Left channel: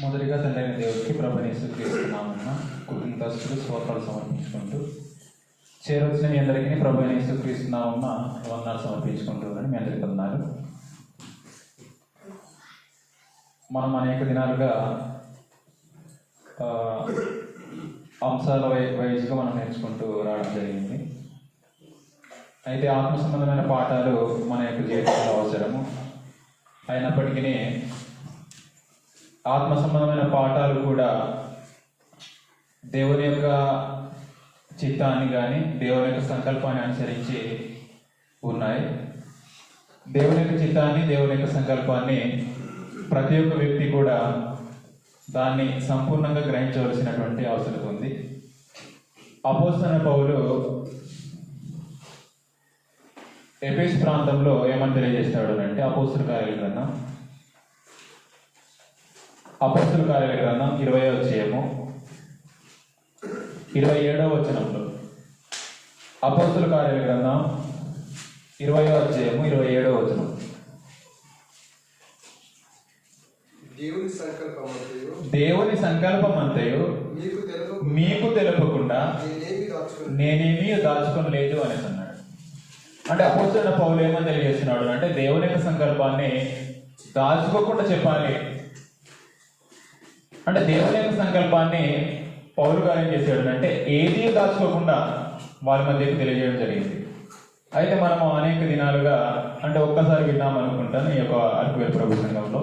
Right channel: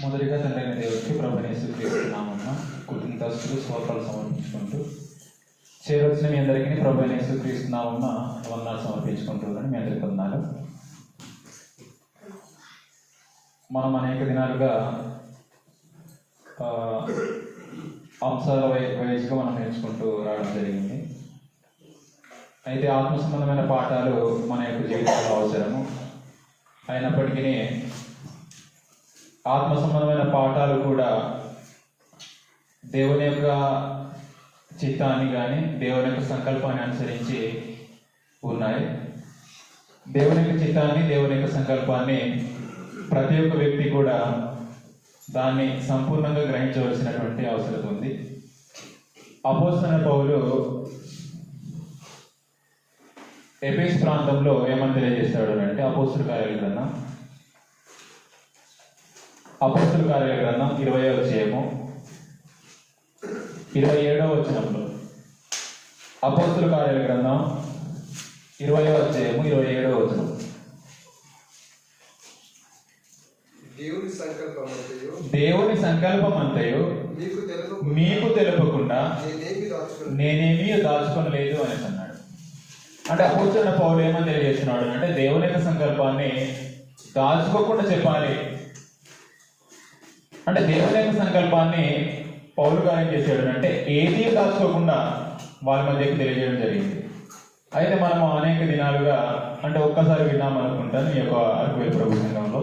మొదటిగా తండ్రి దేవుడికి ప్రభుని యేసుక్రీస్తునామమున కృతజ్ఞతాస్తుతులు స్తోత్రాలు సమర్పించుకుంటూ చేరొచ్చిన మీ అందరికీ ప్రభుని యేసుక్రీస్తునామమున వందనాలు సమర్పించుకుంటున్నాను. మీ అందరికీ వందనాలు. మనం అనేక దినాలుగా అంశాల వైజ్గా మనం నేర్చుకుంటూ రావడం జరిగింది. అయితే ఆత్మ సంబంధమైన పాఠాలు మన యొక్క జీవితంలో అవసరము. అయినప్పటికీ ఆత్మ సంబంధమైన పాఠాలు కూడా దేవుని యొక్క చిత్తాన్ని కానీ దేవుని యొక్క సంకల్పాన్ని అనుసరించి ఉన్నాయి. దేవుని యొక్క చిత్తాన్ని, దేవుని యొక్క సంకల్పాన్ని ప్రతి ఒక్క వ్యక్తి కూడా దాన్ని సంపూర్ణంగా గ్రహించవలసినటువంటి అవసరం ఉంది. అపోస్తలుడైన పౌలు ఎఫెసు ప్రాంతంలో ఏమని తెలియజేస్తాడు అంటే, అపోస్తలుల కార్యాల గ్రంథం 20వ అధ్యాయము 27వ వచనంలో, అపోస్తలుల కార్యాల గ్రంథం 20వ అధ్యాయము 27వ వచనం. దేవుని సంకల్పం అంతయు మీకు తెలుపకుండా నేనేమీ దాచుకొనలేదు అని అన్నాడు. అంటే అపోస్తలుడైన పౌలు ఏమని తెలియజేస్తున్నాడు అంటే, దేవుని యొక్క సంకల్పాన్ని దాచుకోకుండా చెప్పాలి. అంటే దేవుని యొక్క సంకల్పాన్ని పౌలు గారు ఏం చేశాడు అంటే, ఏదీ దాచుకోకుండా వాళ్ళ మధ్యకి తెలియజేయడం జరిగింది. అయితే మనము అనేక దినాలుగా అంటే ఒక్కసారి విన్నాం అనుకుంటాను ఈ యొక్క అరకువేలు ప్రభు సంఘంలో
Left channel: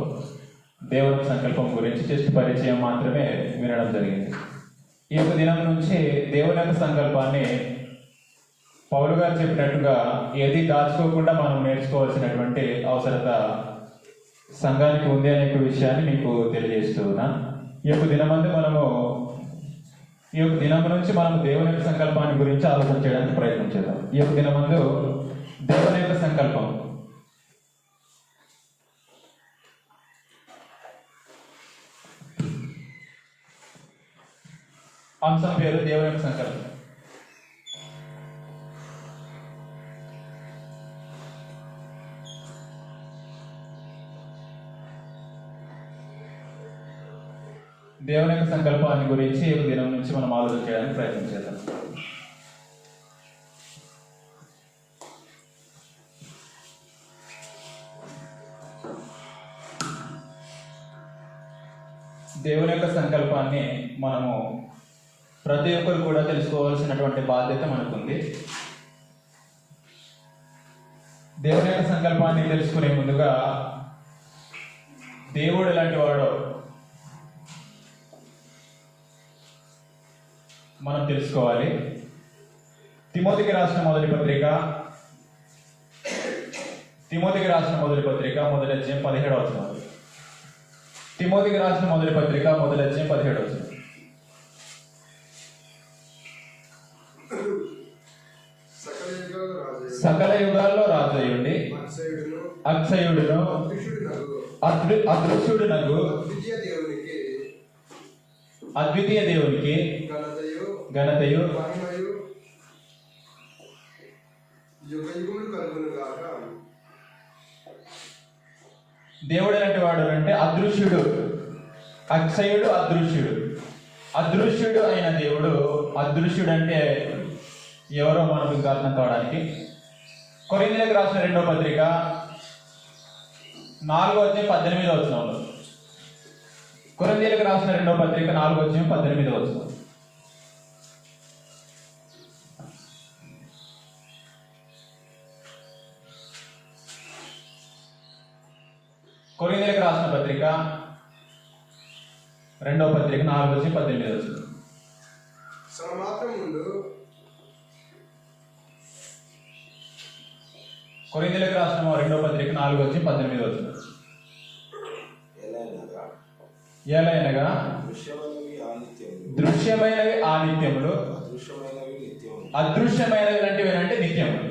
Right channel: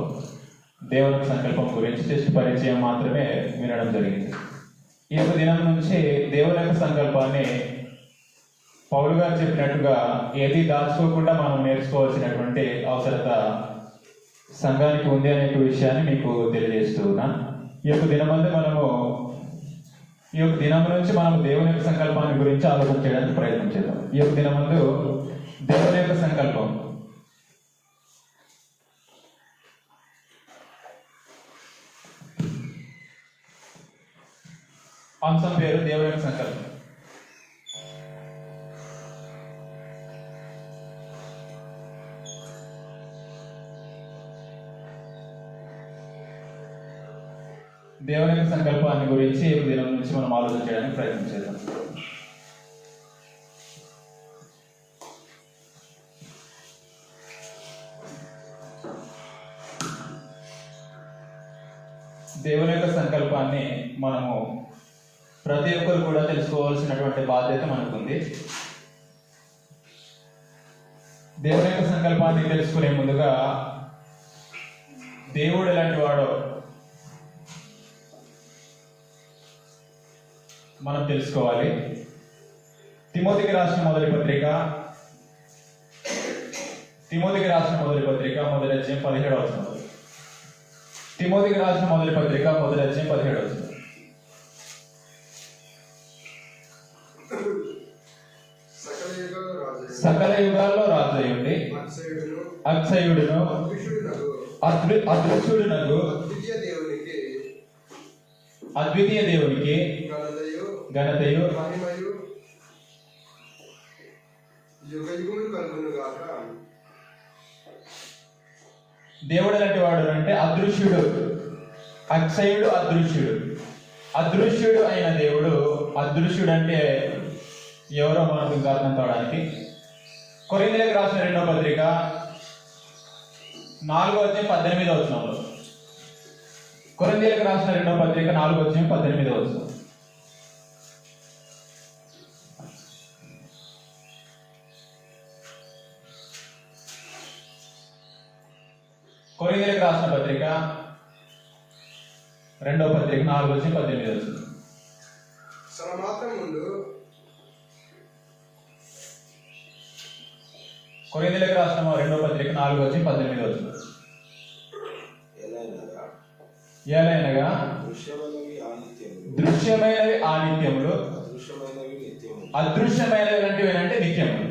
దేవుని సంకల్పం గురించి జస్ట్ పరిచయం మాత్రమే వినడం జరిగింది. ఈ యొక్క దినం నుంచి దేవుని యొక్క సంకల్పాన్ని పౌలు గారు చెప్పినట్టుగా ఏది దాచుకోకుండా మనం నేర్చుకోవాల్సినటువంటి అవసరత సంఘానికి ఉంది అనే విషయాన్ని మీకు తెలియజేస్తూ ఉన్నా. ఈ యొక్క దినం నుంచి మనం దేవుని యొక్క సంకల్పాన్ని గురించి ఆలోచన చేయడానికి ప్రయత్నం చేద్దాం. ఈ యొక్క దినమందు దేవుని యొక్క సంకల్పం అంశం పేరు దేవుని యొక్క సంకల్పం. దేవుని యొక్క సంకల్పాన్ని గురించి ఈ దినం నుంచి మనం ఆలోచన చేయడానికి ప్రయత్నం చేద్దాం. దేవుని యొక్క సంకల్పాన్ని మనము ప్రతి ఒక్కరు కూడా తెలుసుకోవాల్సినటువంటి బాధ్యత మనకుంది. దేవుని యొక్క సంకల్పాన్ని తెలుసుకునే ముందుగా దేవుడు ఎలాంటి వాడో మనం తెలుసుకోవాలి. తిమోతికి రాసిన మొదటి పత్రిక మొదటి అధ్యాయం 17వ వచనం. తిమోతికి రాసిన మొదటి పత్రిక మొదటి అధ్యాయం 17వ వచనం. సకల యుగాల్లో రాజయుండి అక్షయుడును అదృశ్యుడునగు అద్వితీయ దేవునికి ఘనతయు దేవుడు ఎలాంటి వాడు అంటే అదృశ్యుడు, అక్షయుడు, అదృశ్యుడు అయిన దేవుడు. అదృశ్యుడు అంటే ఎవరో మనకు ఇంకా అర్థం కావడానికి కొరింథీయులకు రాసిన 2వ పత్రిక 4వ అధ్యాయం 18వ వచనంలో, కొరింథీయులకు రాసిన 2వ పత్రిక 4వ అధ్యాయం 18వ వచనం. కొరింథీయులకు రాసిన పత్రిక 2వ పత్రిక 4వ అధ్యాయం 18వ వచనం. కొరింథీయులకు రాసిన 2వ పత్రిక 4వ అధ్యాయం 18వ వచనం. ఎలైనగా దృశ్యమైనవి ఆనిత్యములు, అదృశ్యమైనవి అంటే నిత్యములు.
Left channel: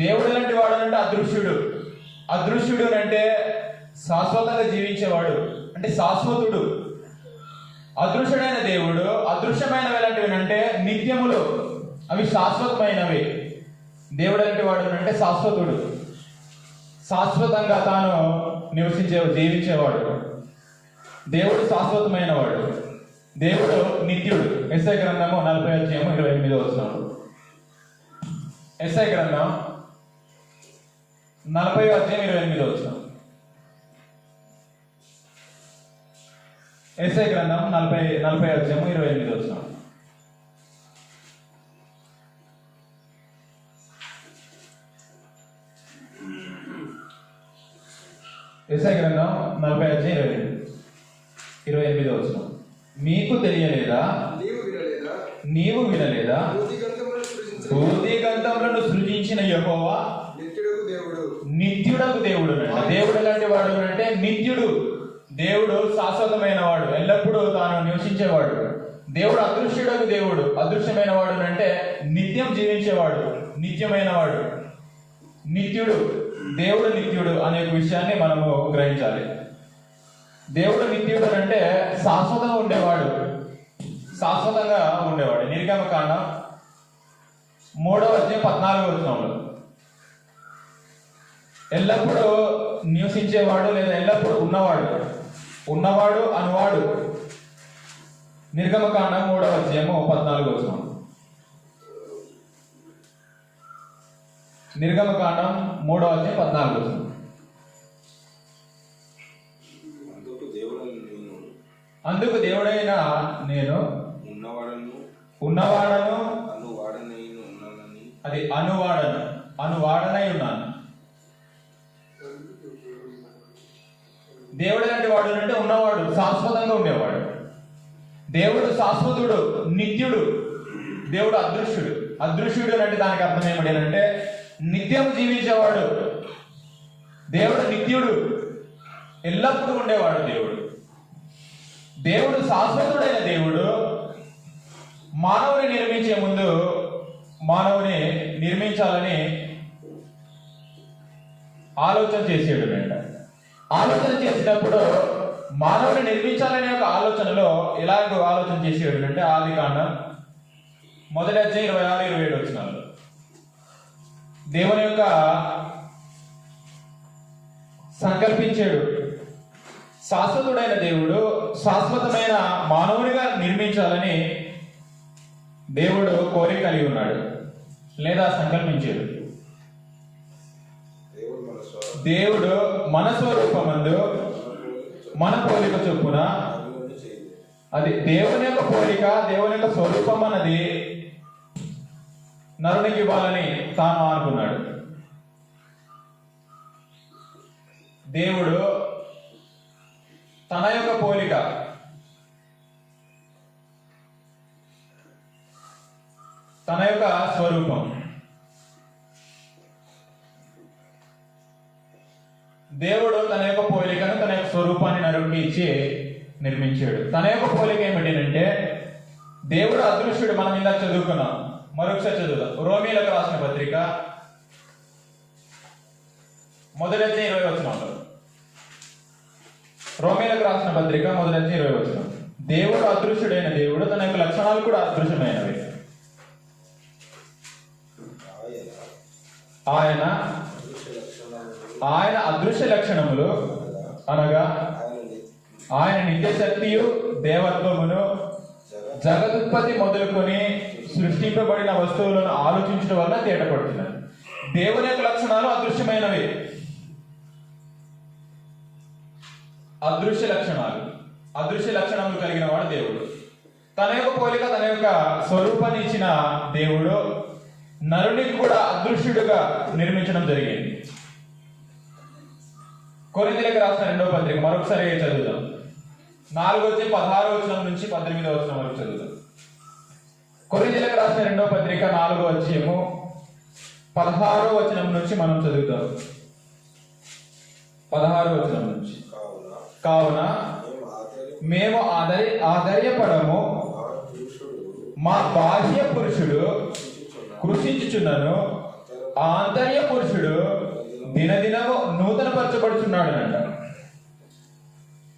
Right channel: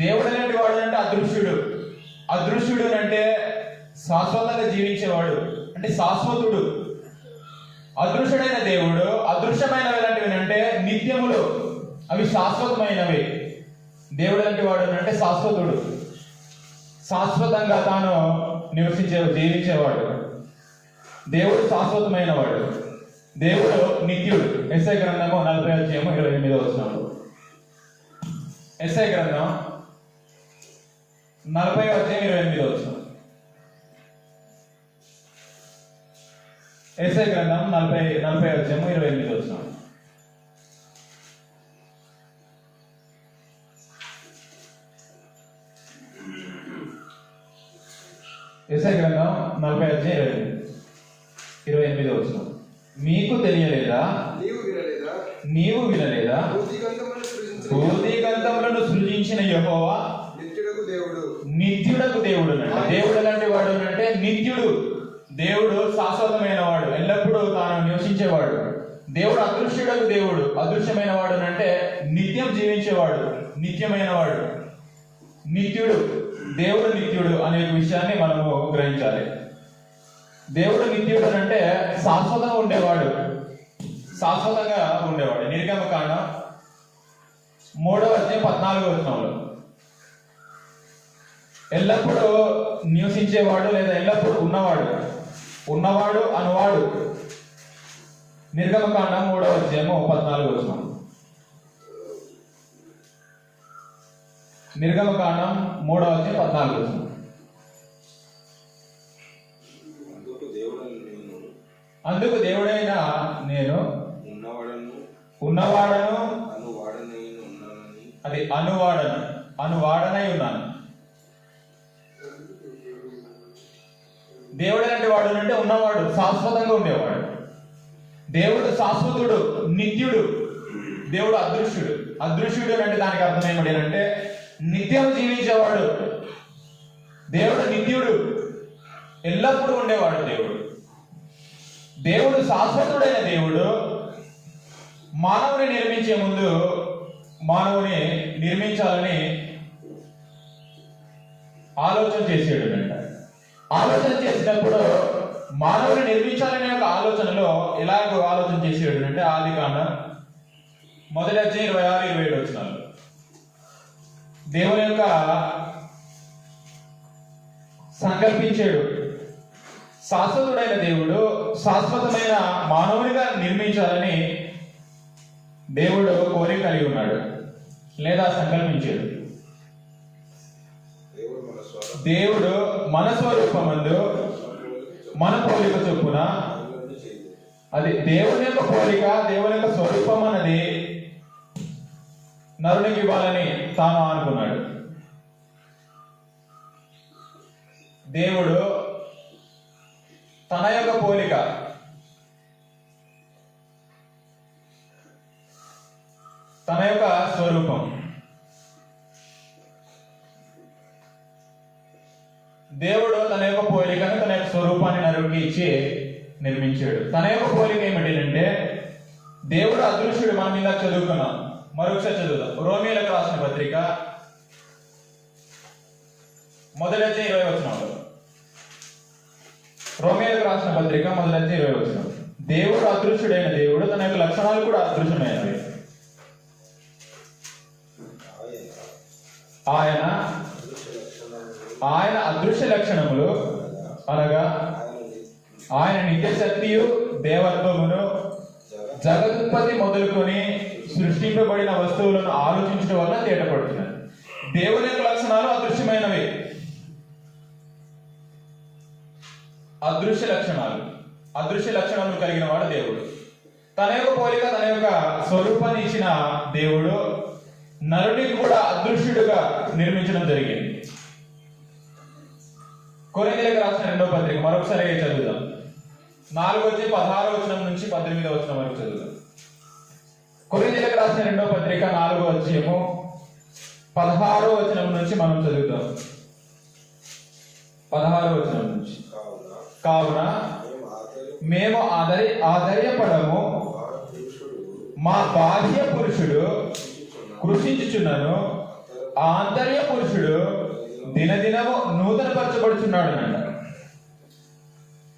దేవుడు ఎలాంటి వాడు అంటే అదృశ్యుడు అంటే శాశ్వతంగా జీవించేవాడు, అంటే శాశ్వతుడు. అదృశ్యుడైన దేవుడు అదృశ్యమైనవి ఎలాంటివి అంటే నిత్యములు, అవి శాశ్వతమైనవి. దేవుడు ఎలాంటి వాడు అంటే శాశ్వతుడు, శాశ్వతంగా తాను జీవించేవాడు. దేవుడు శాశ్వతమైన వాడు, దేవుడు నిత్యుడు. ఎస్ఐ గ్రంథము 40:28. ఎస్ఐ గ్రంథం 40:28. ఎస్ఐ గ్రంథం 40:28. ఎస్ఐ గ్రంథం 40:28. మీకు తెలియలేదా, నీవు వినలేదా, భూదిగంతములను సృజించిన యెహోవా నిత్యుడకు దేవుడు. దేవుడు లాంటి వాడు అంటే నిత్యుడు. దేవుడు శాశ్వతమైన వాడు, ఎల్లప్పుడూ తాను నివసించేవాడు. దేవుడు అదృశ్యుడకు దేవుడు. అదృశ్యమైన వాడు అంటే నిత్యం జీవించేవాడు, నిత్యమైన వాడు, నిత్యుడు. దేవుడు నిత్యుడు అనే విషయాన్ని మనము గ్రహించాలి. దేవుడు నిత్యుడు అంటే శాశ్వతంగా ఉండేవాడు, శాశ్వతంగా ఉండేవాడు. నిర్గమకాండం 3:14. ఎల్లప్పుడూ నివసించేవాడు లేదా ఎల్లప్పుడూ ఉన్నవాడు అనువాడు. నిర్గమకాండం 3:14. నిర్గమకాండం 3:14. అందుకు దేవుడైన నేను ఉన్నవాడను, అది అనువాడనై ఉన్నాను. దేవుడు ఎలాంటి వాడు అంటే ఉన్నవాడు, శాశ్వతంగా ఉండేవాడు. దేవుడు శాశ్వతుడు, నిత్యుడు. దేవుడు అదృశ్యుడు. అదృశ్యుడు అంటే దానికి అర్థం ఏమిటి అంటే నిత్యం జీవించేవాడు. దేవుడు నిత్యుడు, ఎల్లప్పుడూ ఉండేవాడు. దేవుడు శాశ్వతుడైన దేవుడు మానవుని నిర్మించే ముందు మానవుని నిర్మించాలని ఆలోచన చేసేడు అంట. ఆలోచన చేసినప్పుడు మానవుని నిర్మించాలనే ఒక ఆలోచనలో ఎలాగో ఆలోచన చేసేడు అంటే ఆదికాండం 1:26-27. దేవుని యొక్క సంకల్పించాడు. శాశ్వతుడైన దేవుడు శాశ్వతమైన మానవునిగా నిర్మించాలని దేవుడు కోరిక కలిగి ఉన్నాడు లేదా సంకల్పించాడు. దేవుడు మన స్వరూపమందు మన పోలిక చొప్పున, అది దేవుని యొక్క పోలిక, దేవుని యొక్క స్వరూపం అన్నది నరునికి ఇవ్వాలని తాను అనుకున్నాడు. దేవుడు తన యొక్క పోలిక, తన యొక్క స్వరూపం, దేవుడు తన యొక్క పోలికను, తన యొక్క స్వరూపాన్ని నరుడికి ఇచ్చి నిర్మించాడు. తన యొక్క పోలిక ఏమిటి అంటే దేవుడు అదృశ్యుడు. మనం ఇందాక చదువుకున్నాం, మరొకసారి చదువుదాం. రోమీయులకు రాసిన పత్రిక 1:20. రోమీయులకు రాసిన పత్రిక 1:20. దేవుడు అదృశ్యుడైన దేవుడు, తన యొక్క లక్షణాలు కూడా అదృశ్యమైనవి. ఆయన అదృశ్య లక్షణములు అనగా ఆయన నిత్య శక్తియు దేవత్వమును జగదుత్పత్తి మొదలుకొని సృష్టింపబడిన వస్తువులను ఆలోచించడం వల్ల తేటపడుతున్నారు. దేవుని యొక్క లక్షణాలు అదృశ్యమైనవి, అదృశ్య లక్షణములు కలిగిన వాడు దేవుడు. తన యొక్క పోలిక, తన యొక్క స్వరూపాన్ని ఇచ్చిన దేవుడు నరునికి కూడా అదృశ్యుడిగా నిర్మించడం జరిగింది. కొరింథీయులకు రాసిన 2వ పత్రిక మరొకసారి చదువుదాం. 4:16 నుంచి 18 వరకు చదువుదాం. కొరింథీయులకు రాసిన 2వ పత్రిక 4:16 నుంచి మనం చదువుతాం. 16 నుంచి. కావున మేము ఆధైర్యపడము, మా బాహ్య పురుషుడు కృషించుచున్నాను, ఆంతర్య పురుషుడు దినదినము నూతన పరచబడుచున్నాడు అంట.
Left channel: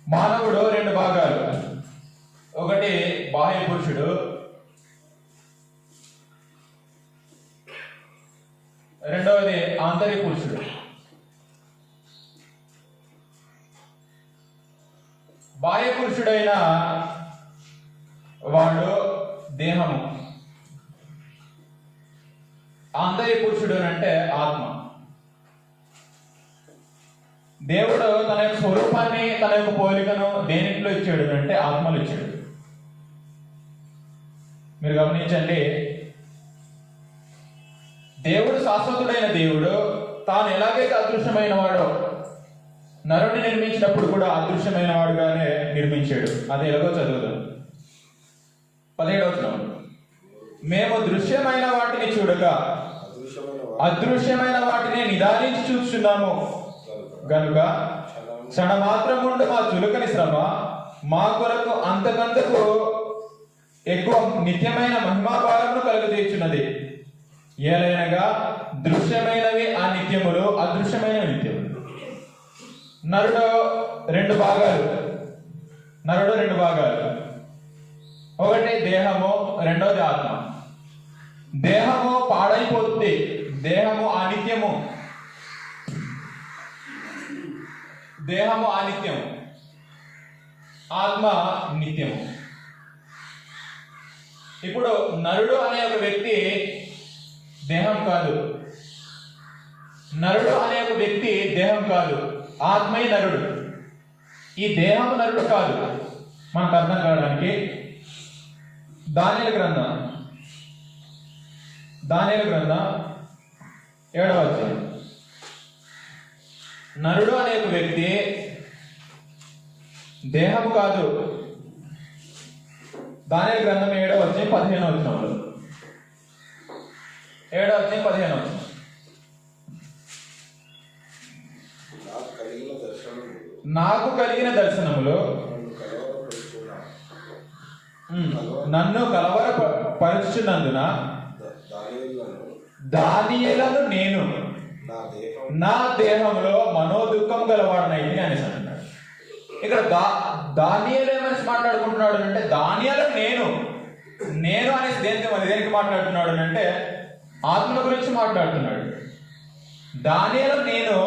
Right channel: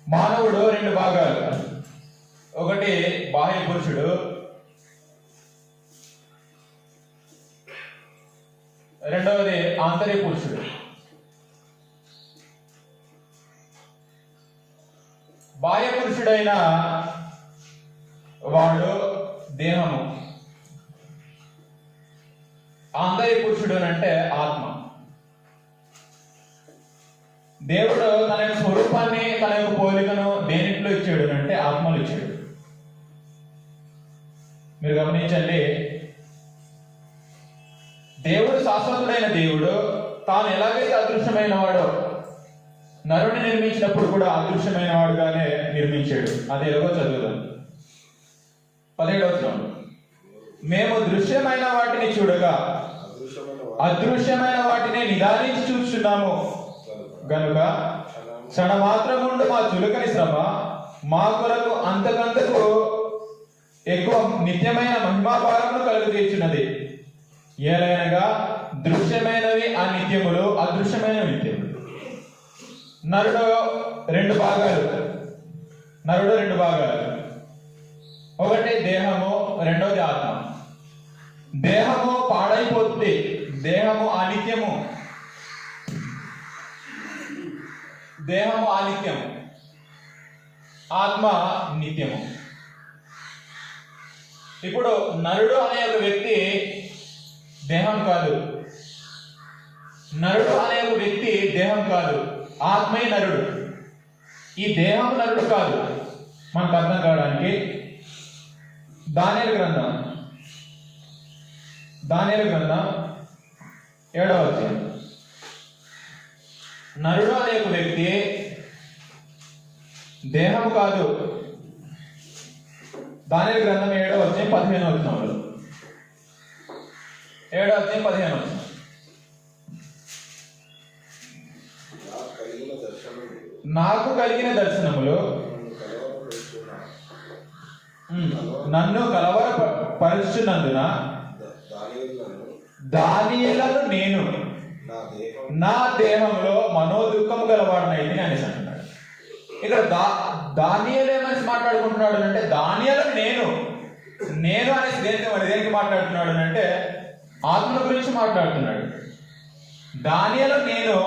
మానవుడు 2 భాగాలు, ఒకటి బాహ్య పురుషుడు, రెండవది ఆంతర్య పురుషుడు. బాహ్య పురుషుడైన వాడు దేహము, ఆంతరిక పురుషుడు అంటే ఆత్మ. దేవుడు తన యొక్క స్వరూపాన్ని, తన యొక్క పోలికను దేనిలో ఇచ్చాడు అంటే ఆత్మలు ఇచ్చాడు. మీరు గమనించండి, దేవుడు శాశ్వతుడైన దేవుడు తాను ఎలాగైతే అదృశ్యమైన వాడో నరుని నిర్మించినప్పుడు కూడా అదృశ్యమైన వాడుగానే నిర్మించాడు. అది ఎలాగో చదువుదాం. 17వ మేము దృశ్యమైన వాటిని చూడగా అదృశ్యమైన వాటిని నిదానించి చూస్తున్నాము గనుక క్షణమాత్రముండు మా చులకని శ్రమ మా కొరకు అంతకంతకు ఎక్కువ నిత్యమైన మహిమాభారమును కలుగజేయుచున్నది. ఏలైనగా దృశ్యమైనవి ఆ నిత్యములు, అదృశ్యమైన నిత్యములు. నరుడు రెండు భాగాలు. ఒకటి దేహము, రెండోది ఆత్మ. దేహము పాడైపోతుంది, దేహము అనిత్యము. ఆత్మ నిత్యము. ఇప్పుడు నరుడు అనే ఒక వ్యక్తి దేహం కాదు, ఆత్మే నరుడు. ఈ దేహము నరుడు కాదు. మనకు అర్థం కావడానికి దానియేలు గ్రంథం 7వ అధ్యాయం. నరుడు అనే ఒక వ్యక్తి దేహము కాదు. దానియేలు గ్రంథం 7వ అధ్యాయం 15వ వచనంలో, 7వ అధ్యాయం 15వ వచనం. నాకు కలిగిన దర్శనములు నన్ను కలవరపరుచున్నందున దానియేలును నేను నా దేహంలో మనోదుఖం గలవాడినైతే అనేసి అంటున్నాడు. ఇక్కడ దానియేలు ఏమని మాట్లాడుకుంటున్నాడు అంటే దానియేలు నేను అనేసి దేనికి మాట్లాడుతున్నాడు అంటే ఆత్మ గురించి మాట్లాడుతున్నాడు. దానియేలు నేను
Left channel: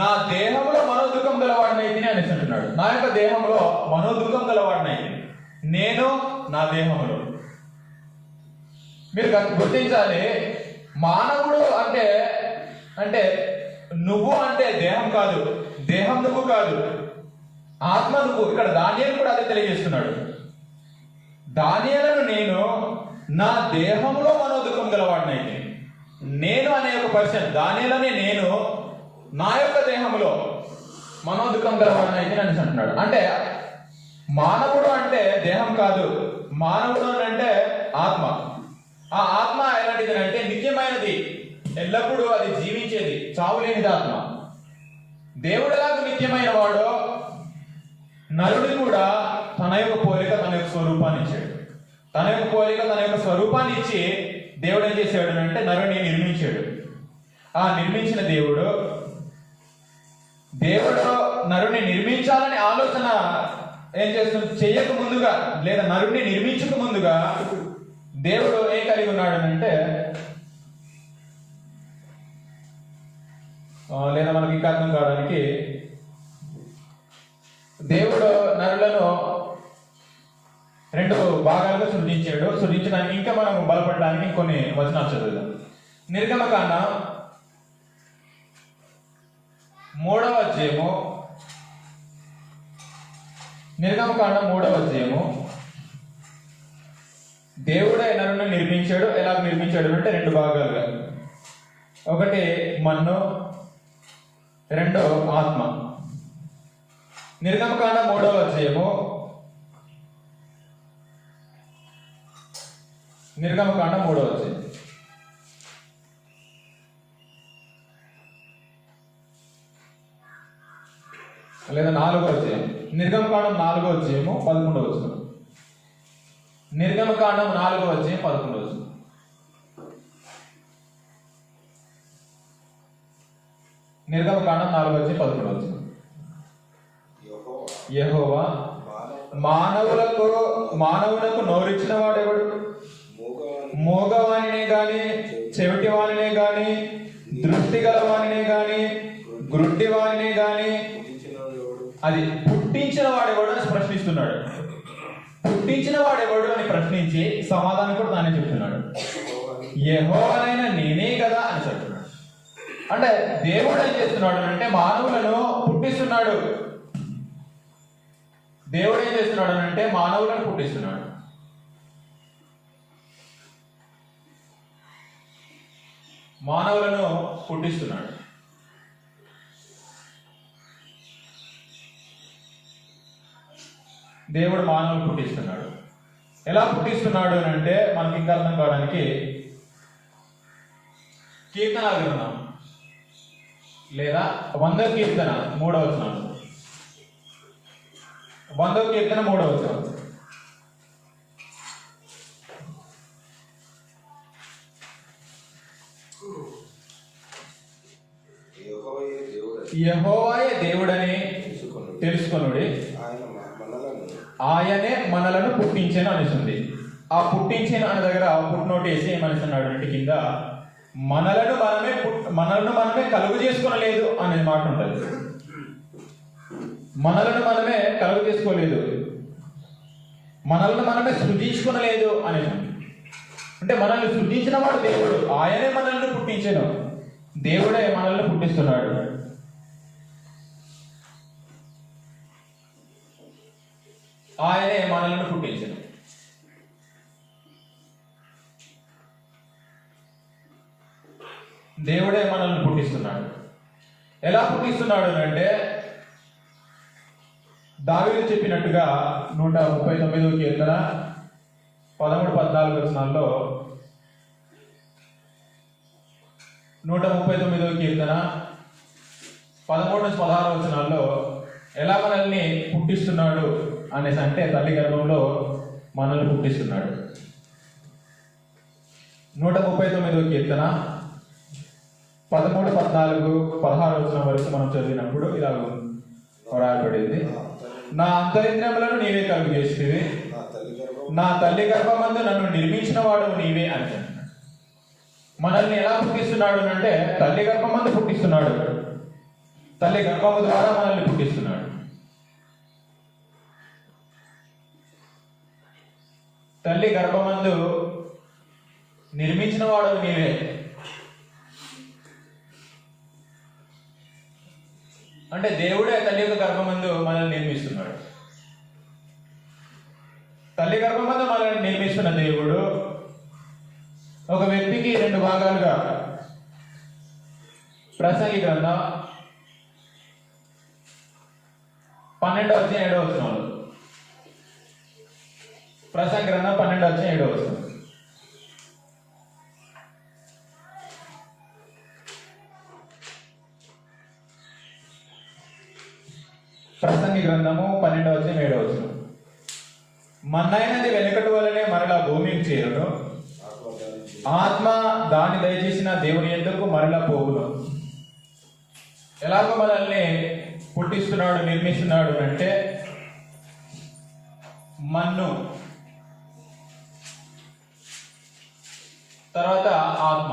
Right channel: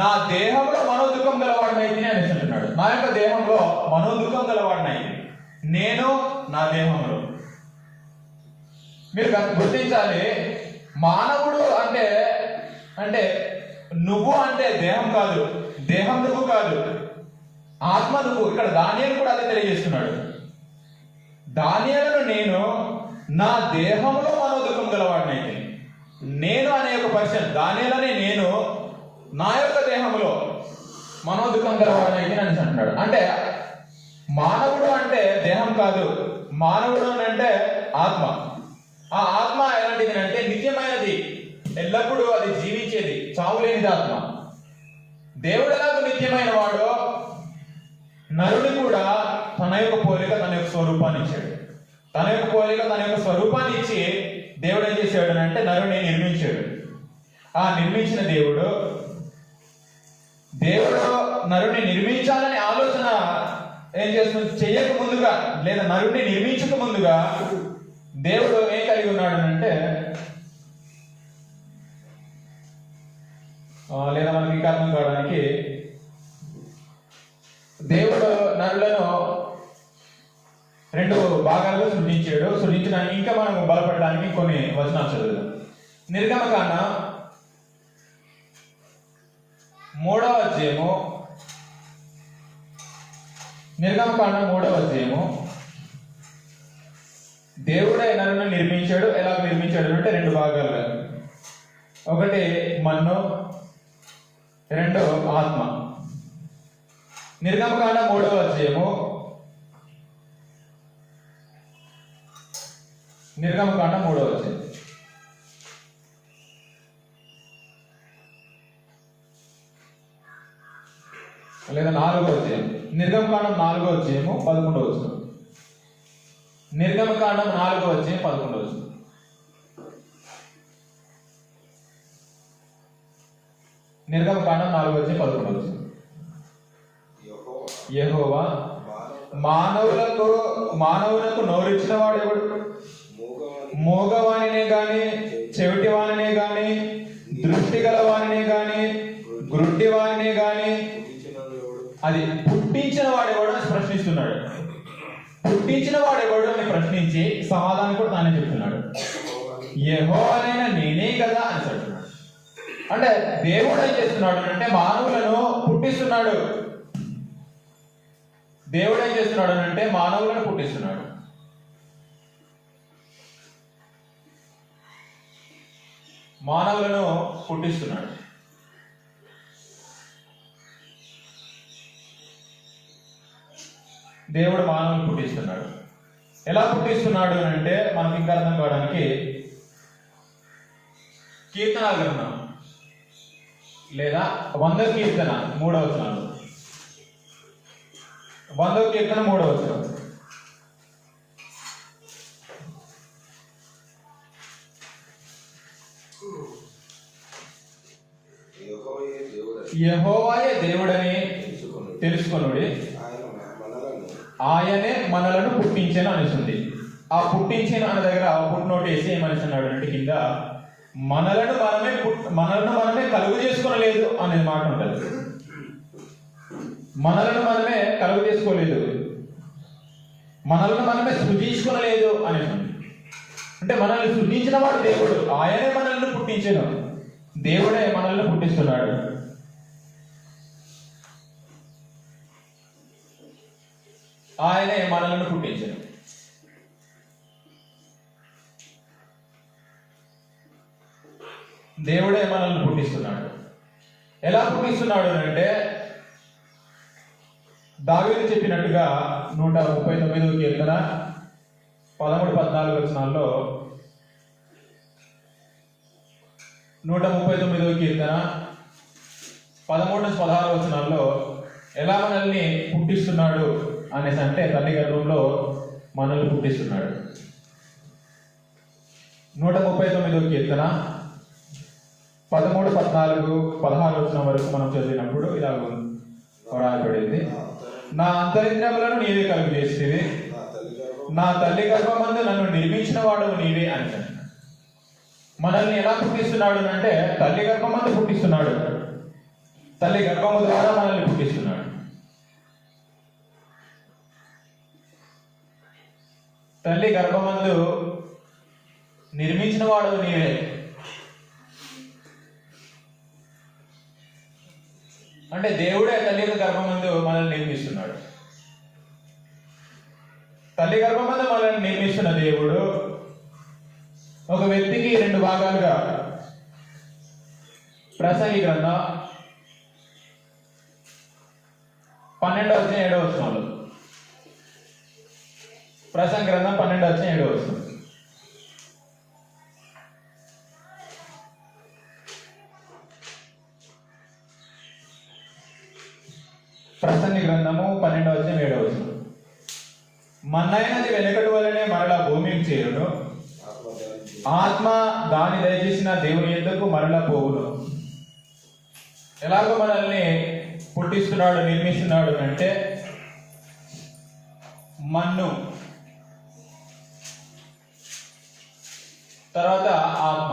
నా దేహంలో మనోదుఖం గలవాడినైతే అనేసి అంటున్నాడు. నా యొక్క దేహంలో మనోదుఖం గలవాడినైతే, నేను నా దేహంలో. మీరు గుర్తించాలి, మానవుడు అంటే నువ్వు అంటే దేహం కాదు, దేహం నువ్వు కాదు, ఆత్మ నువ్వు. ఇక్కడ దానియేలు కూడా అదే తెలియజేస్తున్నాడు. దానియేలును నేను నా దేహంలో మనోదుఖం గలవాడినైతే. నేను అనే ఒక పర్సన్, దానియేలునే నేను నా యొక్క దేహంలో మనోదుఖం గలవాడినైతే అని అంటున్నాడు. అంటే మానవుడు అంటే దేహం కాదు, మానవుడు అంటే ఆత్మ. ఆ ఆత్మ ఎలాంటిది అంటే నిత్యమైనది, ఎల్లప్పుడూ అది జీవించేది, చావులేనిది ఆత్మ. దేవుడు ఎలాగ నిత్యమైన వాడో నరుడు కూడా తన యొక్క పోలిక, తన యొక్క స్వరూపాన్ని ఇచ్చాడు. తన యొక్క పోలిక, తన యొక్క స్వరూపాన్ని ఇచ్చి దేవుడు ఏం చేశాడు అంటే నరుడిని నిర్మించాడు. ఆ నిర్మించిన దేవుడు నరుడిని నిర్మించాలని ఆలోచన ఏం చేస్తుంది, చెయ్యక ముందుగా లేదా నరుడిని నిర్మించక ముందుగా దేవుడు ఏం కలిగి ఉన్నాడు అంటే, లేదా మనకి ఇంకా అర్థం కావడానికి, దేవుడు నరులను రెండు భాగాలుగా సృజించాడు. సృజించడానికి ఇంకా మనం బలపడడానికి కొన్ని వచనాలు చదువుదాం. నిర్గమకాండం 3వ అధ్యాయము, దేవుడే నరుని నిర్మించాడు. ఎలా నిర్మించాడు అంటే రెండు భాగాలుగా. ఒకటి మన్ను, రెండో ఆత్మ. నిర్గమకాండం 3వ అధ్యాయము, లేదా 4వ అధ్యాయం. నిర్గమకాండం 4వ అధ్యాయము 11వ వచనం. నిర్గమకాండం 4వ అధ్యాయం 11వ వచనం. నిర్గమకాండం 4వ అధ్యాయం 11వ వచనం. యెహోవా మానవులకు నోరిచ్చిన వాడెవడు? మూగవానినే గాని, చెవిటివానినే గాని, దృష్టి గలవానినే గాని, గ్రుడ్డివానినే గాని అది పుట్టించిన వాడెవడు అని ప్రశ్నిస్తున్నాడు. పుట్టించిన వాడు ఎవడు అని ప్రశ్నించి సమాధానం కూడా తానే చెప్తున్నాడు. యెహోవానైనా నేనే కదా అని చెప్తున్నాడు. అంటే దేవుడు ఏం చేస్తున్నాడు అంటే మానవులను పుట్టిస్తున్నాడు. దేవుడు ఏం చేస్తున్నాడు అంటే మానవులను పుట్టిస్తున్నాడు. మానవులను పుట్టిస్తున్నాడు. దేవుడు మానవులు పుట్టిస్తున్నాడు. ఎలా పుట్టిస్తున్నాడు అని అంటే మనకి ఇంకా అర్థం కావడానికి కీర్తన గ్రంథం లేదా 100వ కీర్తన 3వ వచనం. 100వ కీర్తన 3వ వచనం. యెహోవాయే దేవుడని తెలుసుకొనుడి, ఆయనే మనలను పుట్టించను అనుస్తుంది. ఆ పుట్టించిన అన్న దగ్గర పుట్టినోటి వేసి ఏమనుస్తున్నాడు అంటే కింద మనలను మనమే కలుగు చేసుకొనలేదు అనే మాట ఉంటుంది. మనలను మనమే కలుగు చేసుకోలేదు, మనల్ని మనమే సృజించుకొనలేదు అని. అంటే మనల్ని సృజించిన వాడు దేవుడు, ఆయనే మనల్ని పుట్టించను. దేవుడే మనల్ని పుట్టిస్తున్నాడు. ఆయనే మనల్ని పుట్టించను. దేవుడే మనల్ని పుట్టిస్తున్నాడు. ఎలా పుట్టిస్తున్నాడు అంటే దావీదు చెప్పినట్టుగా 139వ కీర్తన 13-14 వచనాల్లో, 139వ కీర్తన 13-16 వచనాల్లో ఎలా మనల్ని పుట్టిస్తున్నాడు అనేసి అంటే తల్లి గర్భంలో మనల్ని పుట్టిస్తున్నాడు. 139వ కీర్తన 13-14-16 వచనం వరకు మనం చదివినప్పుడు ఇలా రాయబడింది. నా అంతరింద్రియములను నీవే కలుగు చేసేది, నా తల్లి గర్భమందు నన్ను నిర్మించిన వాడు నీవే అని. మనల్ని ఎలా పుట్టిస్తున్నాడు అంటే తల్లి గర్భమందు పుట్టిస్తున్నాడు. తల్లి గర్భము ద్వారా మనల్ని పుట్టిస్తున్నాడు. తల్లి గర్భమందు నిర్మించిన వాడు నీవే. అంటే దేవుడే తల్లి యొక్క గర్భమందు మనల్ని నిర్మిస్తున్నాడు. తల్లి గర్భమందు మనల్ని నిర్మిస్తున్న దేవుడు ఒక వ్యక్తికి 2 భాగాలుగా ప్రసంగి గ్రంథం 12-7 ప్రసంగి గ్రంథం 12-7 ప్రసంగి గ్రంథము 12-7. మన్నైనది వెనకటి వలనే మరలా భూమికి చేరును, ఆత్మ దాని దయచేసిన దేవుని యొద్దకు మరలా పోవును. ఎలాగో మనల్ని పుట్టిస్తున్నాడు, నిర్మిస్తున్నాడు అంటే మన్ను, తర్వాత ఆత్మ,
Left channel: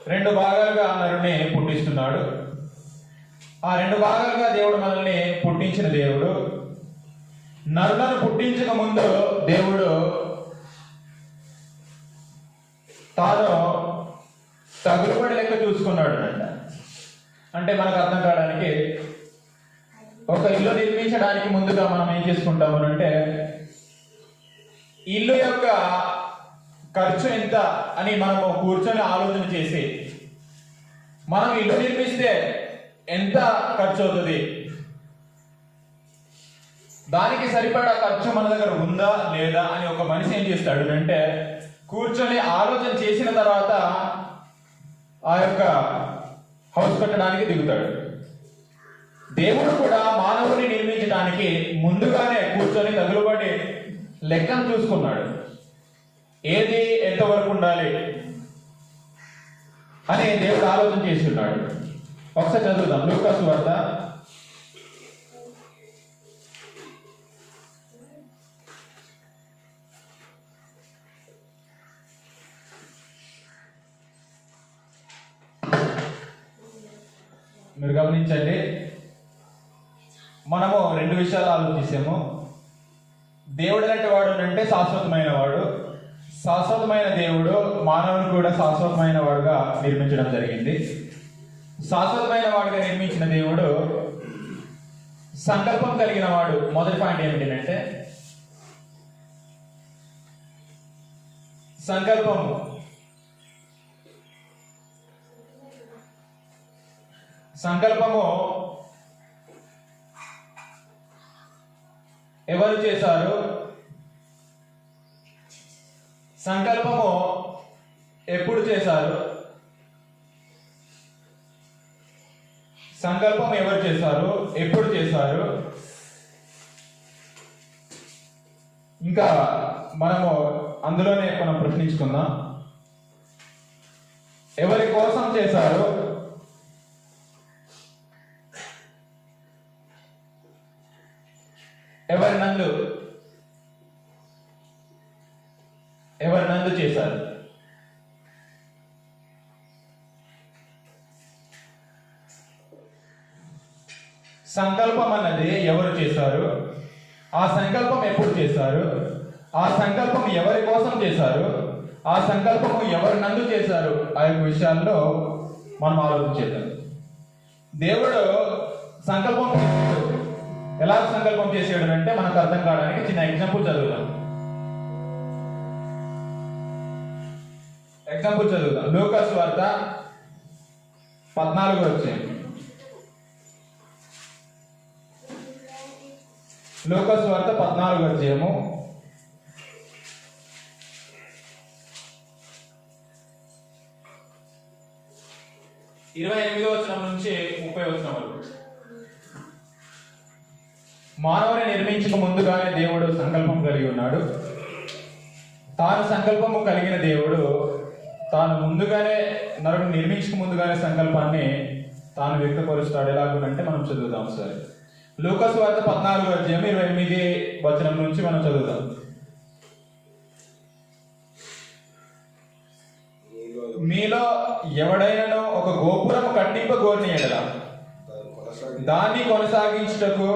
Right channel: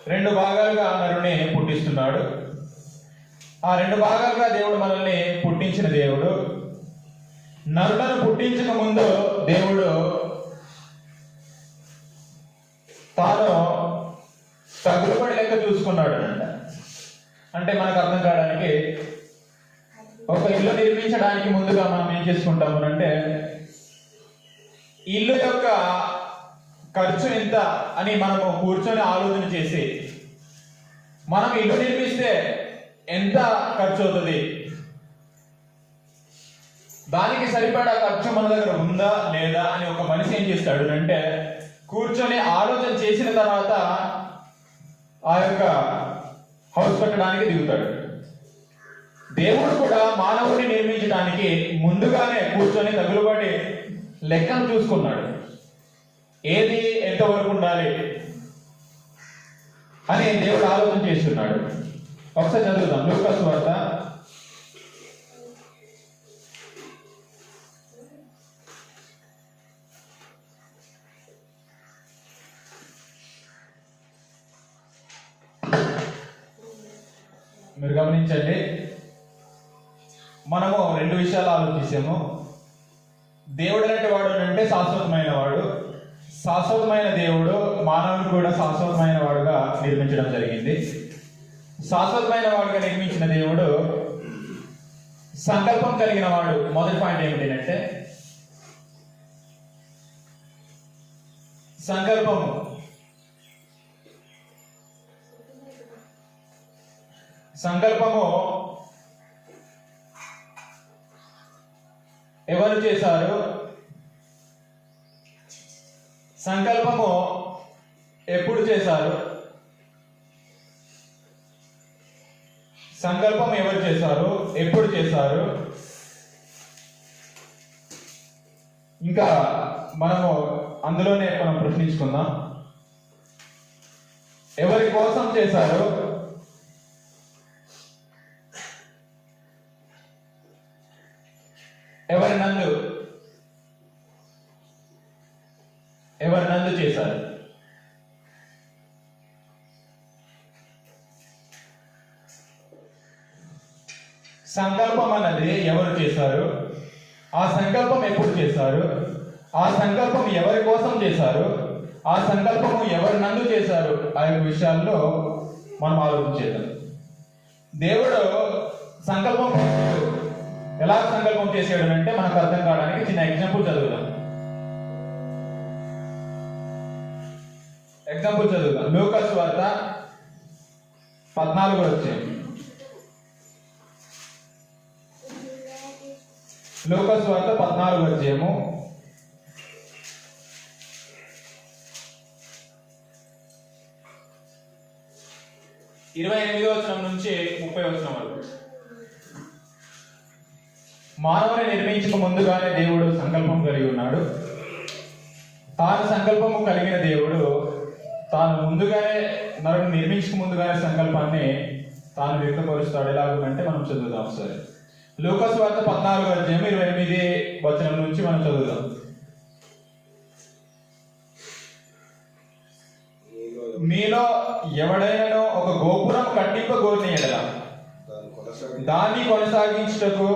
2 భాగాలుగా నరుని పుట్టిస్తున్నాడు. ఆ 2 భాగాలుగా దేవుడు మనల్ని పుట్టించిన దేవుడు. నరులను పుట్టించక ముందు దేవుడు తాను తగులుబడి లెక్క చూసుకున్నాడు అంట. అంటే మనకు అర్థం కావడానికి ఒక ఇల్లు నిర్మించడానికి ముందుగా మనం ఏం చేసుకుంటాము అంటే ఇల్లు యొక్క ఖర్చు ఎంత అని మనము కూర్చొని ఆలోచన చేసి మనం ఇల్లు నిర్మిస్తే ఎంత ఖర్చు అవుతుంది, దానికి సరిపడా ఖర్చు మన దగ్గర ఉందా లేదా అని ఒక మనిషి ఏం చేస్తాడు అంటే కూర్చొని ఆలోచన చేసిన తర్వాత ఆ యొక్క హౌస్ కట్టడానికి దిగుతాడు. దేవుడు కూడా మానవుడిని నిర్మించడానికి ముందుగానే కూర్చొని తగులుబడి లెక్కను చూసుకున్నాడు. ఏది ఎంతవరకు ఉండాలి అని దేవుడు ఆలోచన చేస్తున్నాడు. ఒకసారి చదువుదాం లూకా సువార్త 12 మనము రెండు విషయాలు ఆలోచించాము. దేవుడు అంటే వాడు అంటే శాశ్వతమైన వాడు. శాశ్వతమైన దేవుడు మానవుని కూడా శాశ్వతమైన వాడుగా నిర్మించడం జరిగింది. శాశ్వతమైన వాడుగా నిర్మించిన దేవుడు సంకల్పం కలిగిన వాడు. మొదటి పాయింట్ ఏమిటంటే సంకల్పము. సంకల్పము ఎవరు చేశారు? సంకల్పము ఎప్పుడు చేశారు? సంకల్పం ఎవరు చేశారు? ఎప్పుడు చేశారు? ఇంకా మనము అందులోనే మనం ప్రశ్నించుకుందాం. ఎవరి కోసం చేశారు? ఎవరి నందు చేశారు? సంకల్పం అన్నది ఎవరు చేశారు? ఆ సంకల్పం ఎప్పుడు చేశారు? ఆ సంకల్పం ఎవరి కోసం చేశారు? ఆ సంకల్పము ఎవరి నందు చేశారు? ఆ యొక్క విషయాల్లో మనం ఆలోచించేద్దాం. దేవుడు సంకల్పం ఎలా సంకల్పం చేసాడు అంటే మనకు అర్థం కావడానికి చిన్న ఎగ్జాంపుల్ చదువుదాం. లూకాసు వార్త 14 వచ్చాము. లూకాసు వార్త 14 వచ్చాము. 28వ వచనం నుంచి 30వ వచనం వరకు. మానవుని నిర్మించక ముందుగానే దేవుడు సంకల్పం కలిగి ఉన్నాడు. తాను సంకల్పము కలిగిన దేవుడు తాను ముందుగానే నరుని నిర్మించక ముందుగానే సంకల్పాన్ని తాను వ్యక్తపరుస్తాడు. ఎలాగంటే మనం చదువుదాం సరే. లూకాసు వార్త 14 అధ్యాయం 28 వచనం నుంచి మనం చదువుదాం. మీలో ఎవడైనా ఒక గోపురం కట్టింపగోరిన ఎడల దాన్ని కొనసాగించుటకు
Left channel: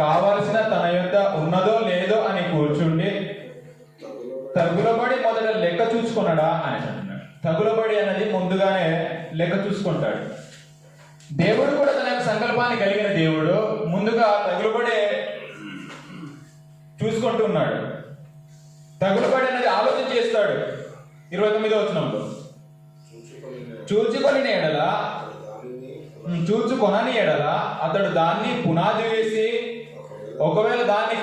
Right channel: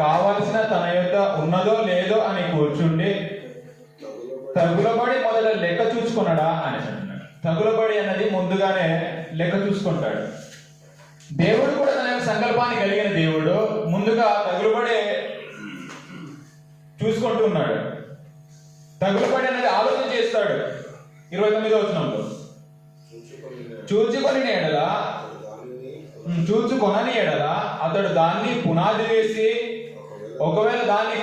కావలసిన తన యొక్క ఉన్నదో లేదో అని కూర్చుండి తగులబడి మొదట లెక్క చూసుకున్నాడా అని అంటున్నాడు. తగులబడి అనేది ముందుగానే లెక్క చూసుకుంటాడు. దేవుడు కూడా తన సంకల్పాన్ని కలిగిన దేవుడు ముందుగా తగులబడి చూసుకుంటున్నాడు. తగులబడి అనేది ఆలోచన చేస్తాడు. 29వ వచనంలో చూచుకొనని ఎడల అతడు దాన్ని పునాది వేసి ఒకవేళ దాన్ని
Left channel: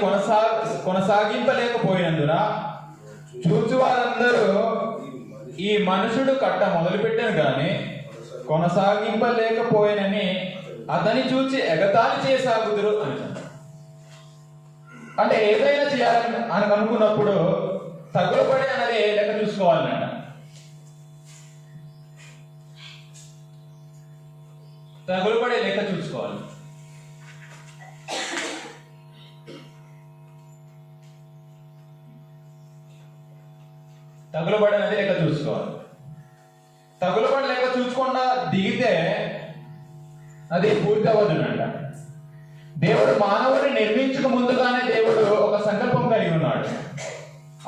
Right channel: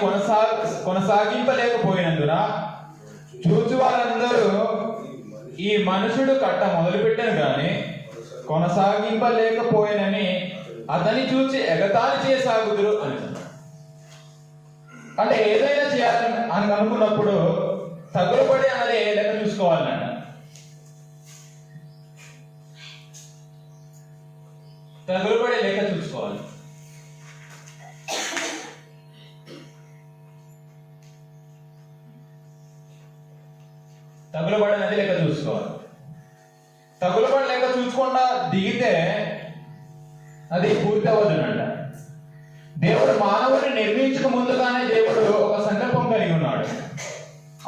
కొనసాగింపలేకపోయినందున చూచు వారందరూ ఈ మనుషుడు కట్ట మొదలుపెట్టాను గాని కొనసాగింపలేకపోయినని అతని చూచి ఎగతాళి చేసాగుదురు అని. అంటే ఏదైనా చేయాలని అని అనుకున్నప్పుడు తగులబడి అన్నది లెక్క చూసుకోవాలన్నట. తగులబడి లెక్క చూసుకోవాలి. తగులబడి అనేది లెక్క చూసుకోవాలి. తగులబడి లెక్క చూసుకోకుండా దిగితే అది పూర్తి అవ్వదునంట. దేవుడు మానవుడిని నిర్మించక ముందుగానే దేవుడు ఒక సంకల్పం కలిగి ఉన్నాడు.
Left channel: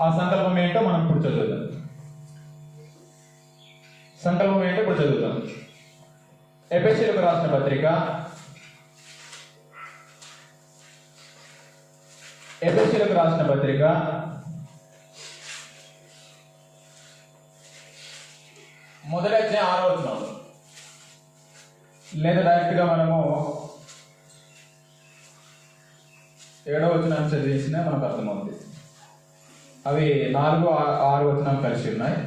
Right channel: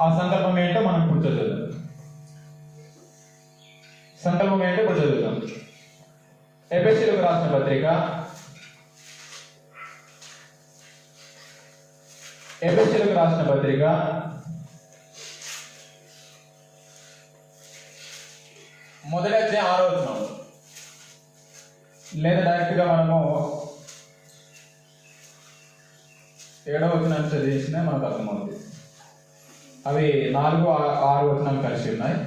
ఆ సంకల్పం ఏంటో మనం ఇప్పుడు చదువుదాం. సంకల్పం ఏంటో ఇప్పుడు చదువుదాం. ఎఫెసీయులకు రాసిన పత్రిక మొదటి అధ్యాయం 6వ వచనం లేదా డైరెక్ట్ గా మనము 7వ వచనాన్ని చదివించినా మనకు అర్థమవుతుంది. అవి 4, 6 వచనాలు కలిసి ఉన్నాయి.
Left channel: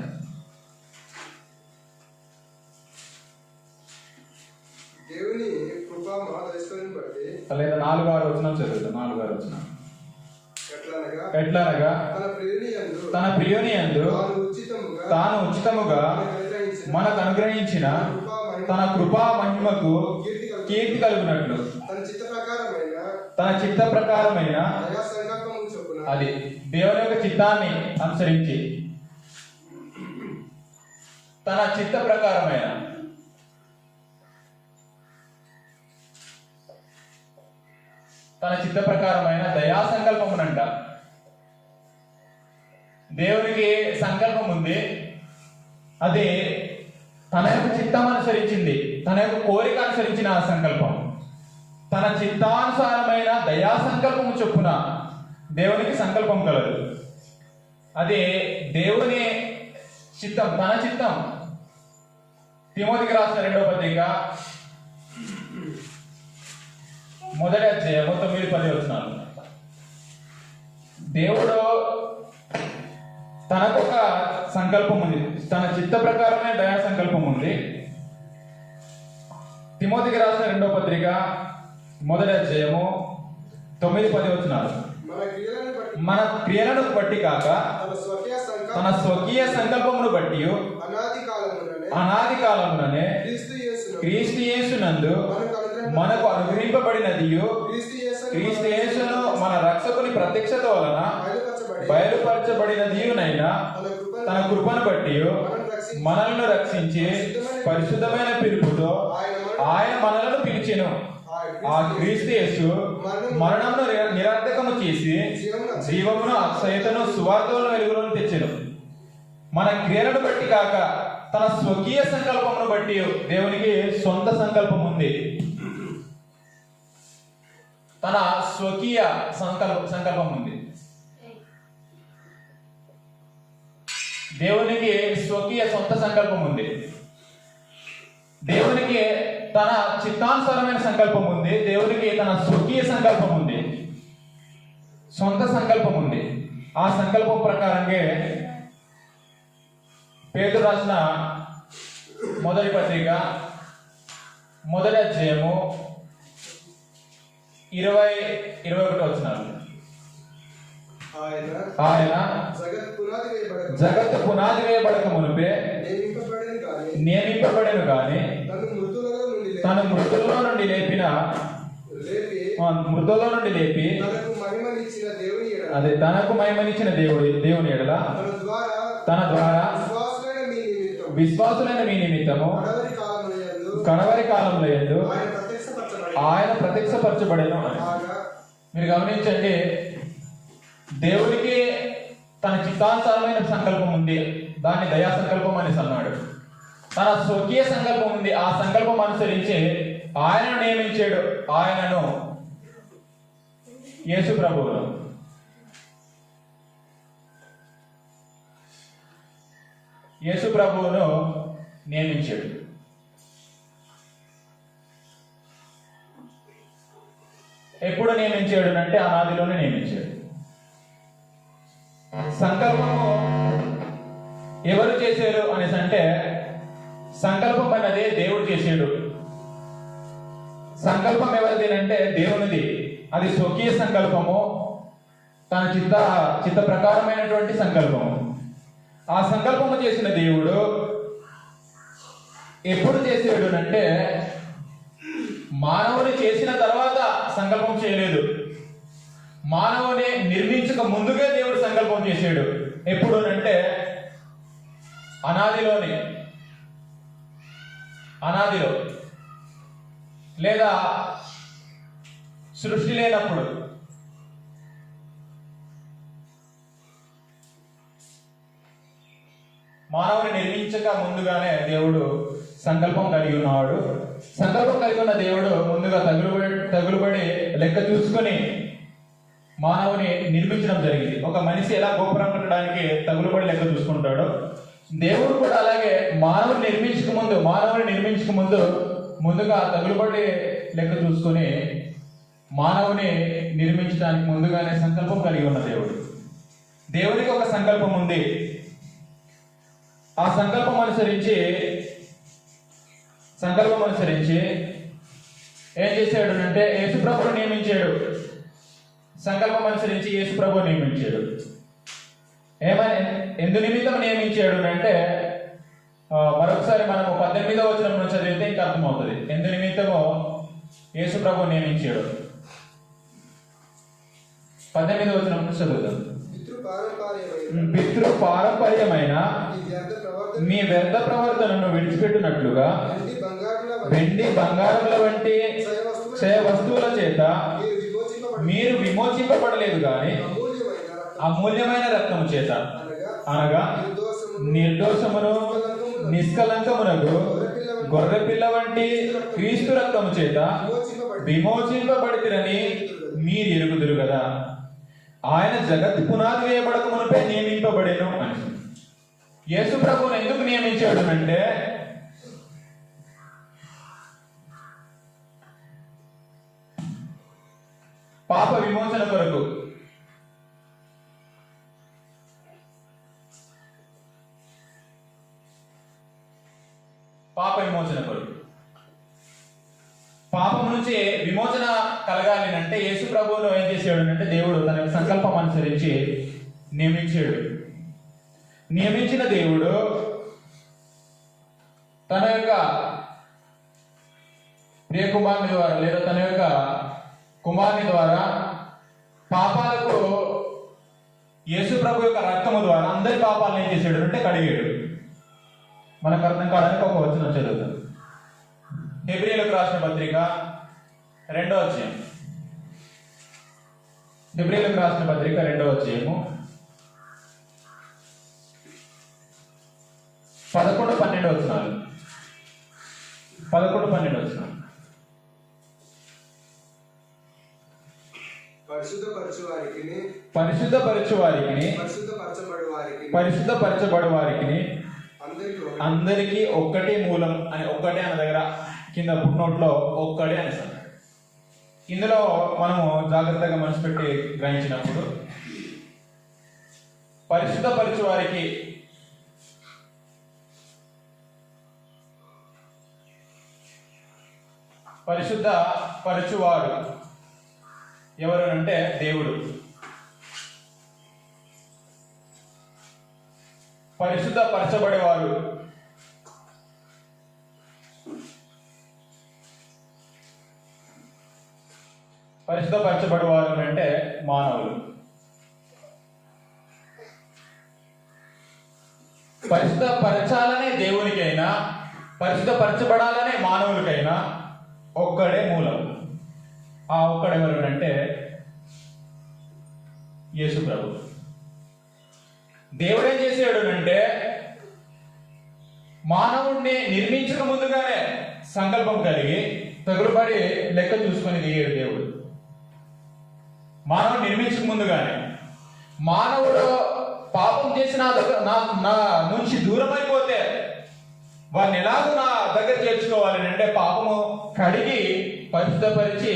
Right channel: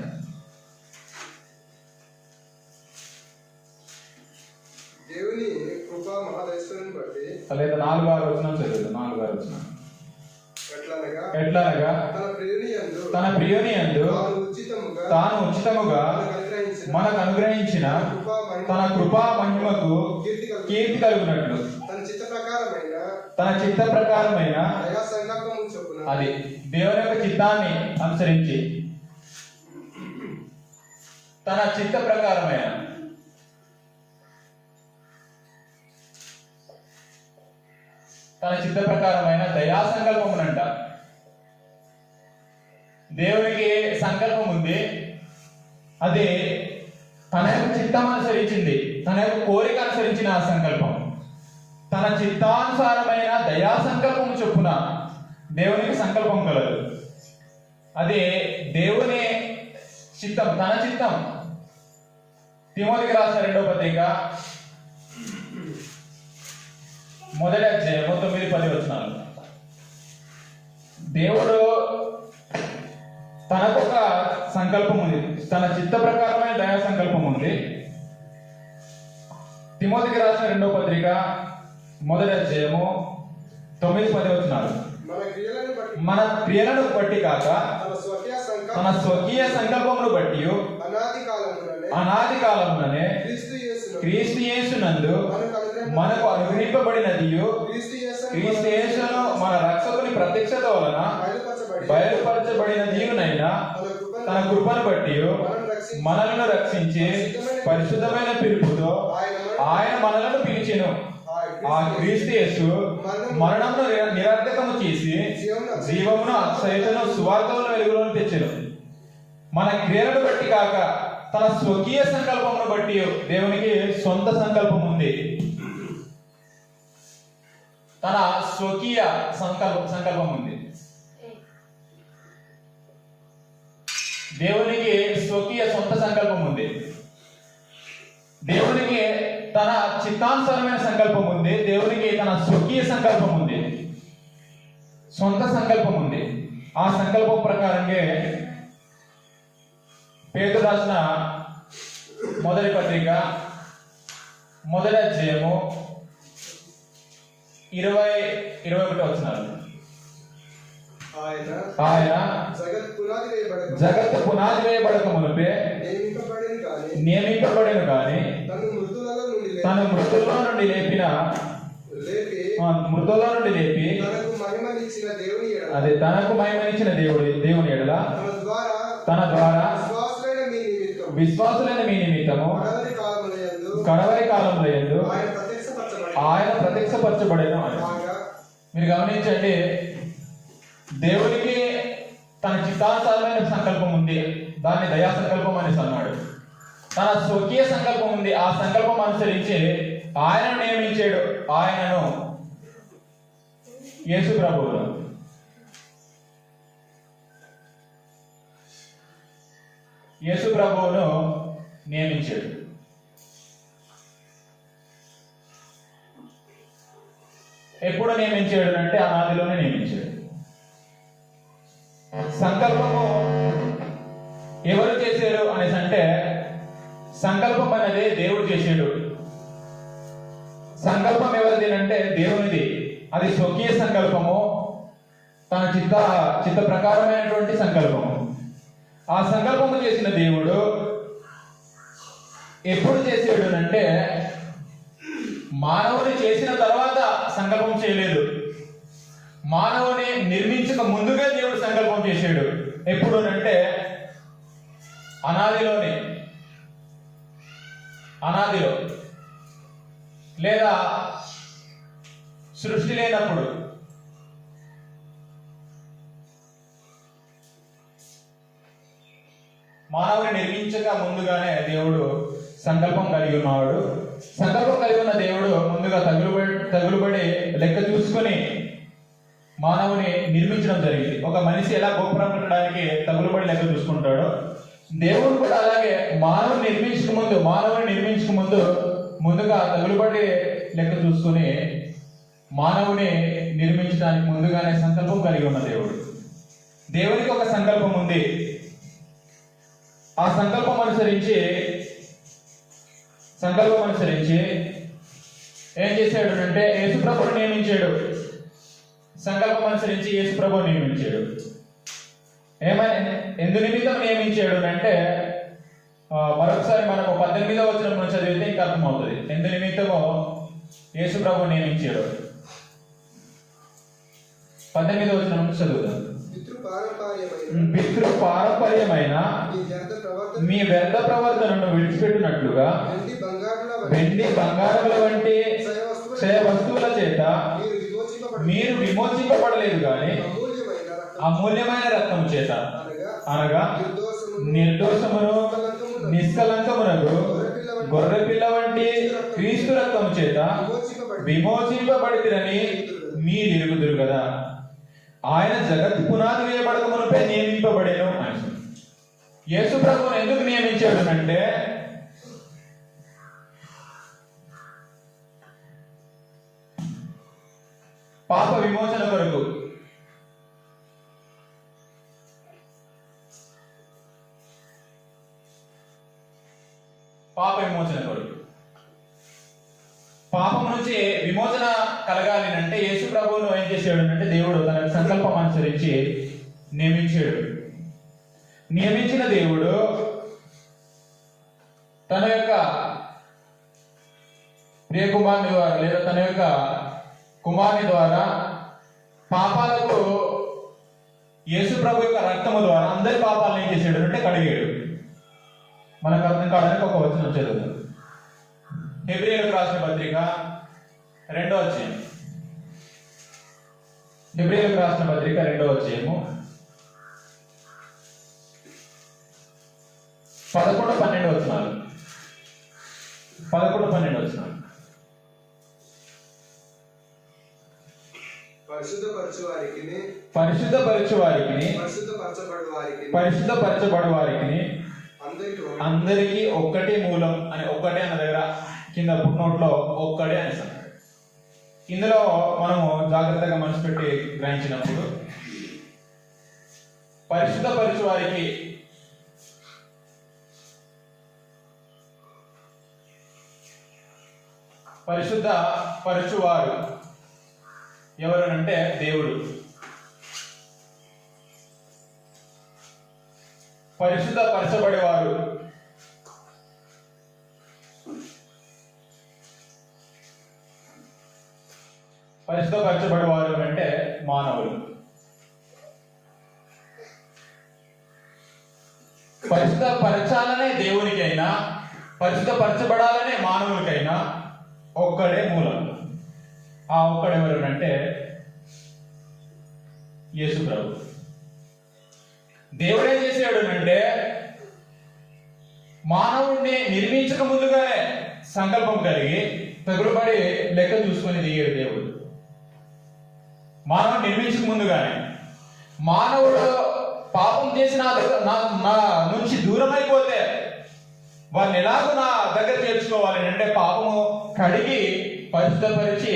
దేవుని కృపా మహాదైశ్వర్యం బట్టి లేదా 4, 6 వచనం చదువుతాం. 4, 6 వచనం ఎట్లనగా తన ప్రియుని యందు తాను ఉచితముగా మనకు అనుగ్రహించిన తన కృపా మహిమకు కీర్తి కలుగునట్లు తన చిత్త ప్రకారమైన అది దేవుని యొక్క చిత్తాన్ని అనుసరించి తన చిత్త ప్రకారమైన తన చిత్త ప్రకారమైన దయా సంకల్పమునంట. దేవునికి సంకల్పం ఉంది, అది తన యొక్క చిత్తం అనుసరించింది, తన యొక్క కోరిక అనుసరించిన ఆ సంకల్పం. తన చిత్తానుసారమైన దయా సంకల్పం చొప్పున దేవునికి సంకల్పం కలదు. అది దేవుని చిత్తం, తన చిత్తం. తిమోతికి రాసిన 2వ పత్రిక 1వ అధ్యాయము 9-10 వచనాలు. దేవుడు తనకొక సంకల్పం ఉంది, తన చిత్త ప్రకారమైన దయా సంకల్పం ఉంది. తిమోతికి రాసిన 2వ పత్రిక 1వ అధ్యాయము 9-10 వచనాలు. మన క్రియలను బట్టి కాక తన స్వకీయ సంకల్పమును బట్టి అనాది కాలముననే క్రీస్తు యేసునందు మనకు అనుగ్రహింపబడినది, క్రీస్తు యేసును మన రక్షకుని ప్రత్యక్షత వలన బయలుపరచబడినదియునైనా తన కృపను బట్టి మనల్ని రక్షించి పరిశుద్ధమైన పిలుపుతో ఆయన మనలను పిలిచెను. ఆ క్రీస్తు యేసు మరణమును నిరర్ధకము చేసి జీవమును అక్షయతను సువార్తలను వెలుగులోకి తెచ్చెను. మన క్రియలను బట్టి కాక తన స్వకీయ సంకల్పమును బట్టి దేవునికి సొంత సంకల్పం ఉంది. తన స్వకీయ సంకల్పం ఉంది. దేవునికి స్వకీయ సొంత సంకల్పం ఉంది. దేవునికి తన చిత్తానుసారమైన సంకల్పం ఉంది. దేవునికి తన స్వకీయ సంకల్పం ఉంది, సొంత సంకల్పం ఉంది. ఆ సంకల్పం ప్రకారంగా పేతురు రాసిన 1వ పత్రిక 1వ అధ్యాయము 20-21 వచనాలు. ఆయన జగత్తు పునాది వేయబడక మునుపే నియమింపబడెను కానీ తను మృతుల్లో నుండి లేపి అది తనకు మహిమనిచ్చిన దేవుని ఎడల తన ద్వారా విశ్వాసులైన మీ నిమిత్తము కడవరి కాలంలో యందు ఆయన ప్రత్యక్షపరచబడెను. మీరు గమనించండి, దేవునికి తన చిత్తానుసారమైన సంకల్పం ఉంది, దాన్ని దయా సంకల్పం అనేసి అన్నాడు. తన స్వకీయ సంకల్పం ఉంది, ఆ సంకల్పం అనుసరించి ఆయనను నియమించాడు. ఆయనను యేసు ప్రభువును నియమించాడు. ఎప్పుడు నియమించాడు అంటే ఆదిలోనే నియమించాడు. సంకల్పము ఎవరు చేశారు అనేసి అంటే, సంకల్పం అన్నది దేవుడు చేశాడు. సంకల్పం ఎవరిది అంటే దేవునిది. అది స్వకీయ సంకల్పము, తన చిత్త ప్రకారమైనటువంటి సంకల్పము. ఆ సంకల్పము చేసిన దేవుడు ఎప్పుడు చేసాడు అంటే, మానవుని చేసిన తర్వాత సంకల్పం చేయలేదు. మానవుని నిర్మించక ముందుగా దేవుడు సంకల్పం చేశాడు. ఎప్పుడు అంటే అనాదిలో లేదా సృష్టి లేనప్పుడు. మానవుని నిర్మించక ముందుగానే దేవుడు సంకల్పం కలిగి ఉన్నాడు. సంకల్పం కలిగి ఉన్న దేవుడు ముందుగా తగులుబడి లెక్క చూసుకొని మానవుని నిర్మించడం జరిగింది. ఒక మనిషి ఎలా గోపురం కట్టడానికి తగులుబడి లెక్క చూసుకుంటాడో, దేవుడు కూడా అలాగే మానవుని నిర్మించక ముందు ముందుగా తగులుబడి లెక్క చూసుకొని మానవుని నిర్మించడానికి ముందుగానే సంకల్పం కలిగి ఉన్న దేవునికి ఒక సంకల్పం ఉంది. ఆ సంకల్పం అనుసరించి ఏం చేశాడు అంటే యేసుప్రభుని నియమించాడు. సంకల్పం అనుసరించి యేసుప్రభుని నియమించాడు. ఎందు నిమిత్తం నియమించాడు అంటే మరొకసారి మనము 18వ వచనం చదివితే ఇంకా అర్థమవుతుంది. ఎందు నిమిత్తమో యేసుప్రభుని నియమించాడు. 18వ వచనం చదువుతాం. పితృ పారంపర్యమైన మీ వ్యర్థ ప్రవర్తనను విడిచిపెట్టినట్లుగా వెండి బంగారముల వంటి క్షయ వస్తువుల చేత మీరు విమోచింపబడలేదు కానీ అమూల్యమైన రక్తము అమూల్యమైన రక్తము చేత అనగా అనగా నిర్దోషమును నిష్కలంకమునకు గొర్రెపిల్ల వంటి క్రీస్తు రక్తము చేత విమోచింపబడితిరని మీరు ఎరుగుదురు కదా. ఆయన జగత్ పునాది వేయబడక మునుపే నియమింపబడేను అని. యేసు ప్రభువును ఎందుకు నియమించాడు అంటే పాప విమోచన కొరకు. పాప విమోచన కొరకు, పాపం నుంచి విమోచన కలగాలి అంటే యేసు ప్రభువును ఏం చేశాడు అంటే దేవుడు తన యొక్క సంకల్పం అనుసరించి నియమించాడు. నియమించిన దేవుడు తన యొక్క ప్రియకుమారుని ద్వారా లేదా తన యొక్క కుమారుని ద్వారా పాపాలకు యేసు ప్రభు యొక్క రక్తము ద్వారా అందరి పాపాలను ఏం చేశాడు అంటే కడిగాడు. మనకు అర్థం కావడానికి ఒక వచనం చదువుతాం. హెబ్రీయులకు రాసిన పత్రిక 2వ అధ్యాయం. హెబ్రీయులకు రాసిన పత్రిక 2వ అధ్యాయము 11-12 వచనాలు. 11-12 వచనాలు. పరిశుద్ధపరచు వారికి పరిశుద్ధపరచబడు వారికి అందరికీ ఒక్కటే మూలం అని ఒక్కటే అన్న దగ్గర కింద పుట్నోట్లో ఒక్కడే అని. ఇందులో మనము జాగ్రత్తగా మనసు పెట్టి గ్రహించినప్పుడు పరిశుద్ధపరచు వారికి పరిశుద్ధ పరచువాడు ఎవరు అంటే దేవుడు. పరిశుద్ధ పరచబడేవారు పరిశుద్ధపరచబడేవారు అంటే మానవులు. పరిశుద్ధపరచాలనే దేవునికైనా పరిశుద్ధపరచబడాలనే మానవులకైనా ఒక్కడే మూలం. ఆ ఒక్కడెవరు అంటే యేసు ప్రభు. దేవుడు ఏం చేసాడు అంటే మానవుడిని నిర్మించక ముందుగానే సంకల్పం కలిగి తగులుపడి లెక్క చూసుకొని దిగాడు దేవుడు. మానవుడు నిర్మించక ముందుగానే మానవుడు పాపం చేసిన నా నుంచి దూరం అయిపోతే వారిని ఎలాగో నా దగ్గర చేర్చుకోవాలి అంటే పాపము కడిగి పరిశుద్ధపరిచి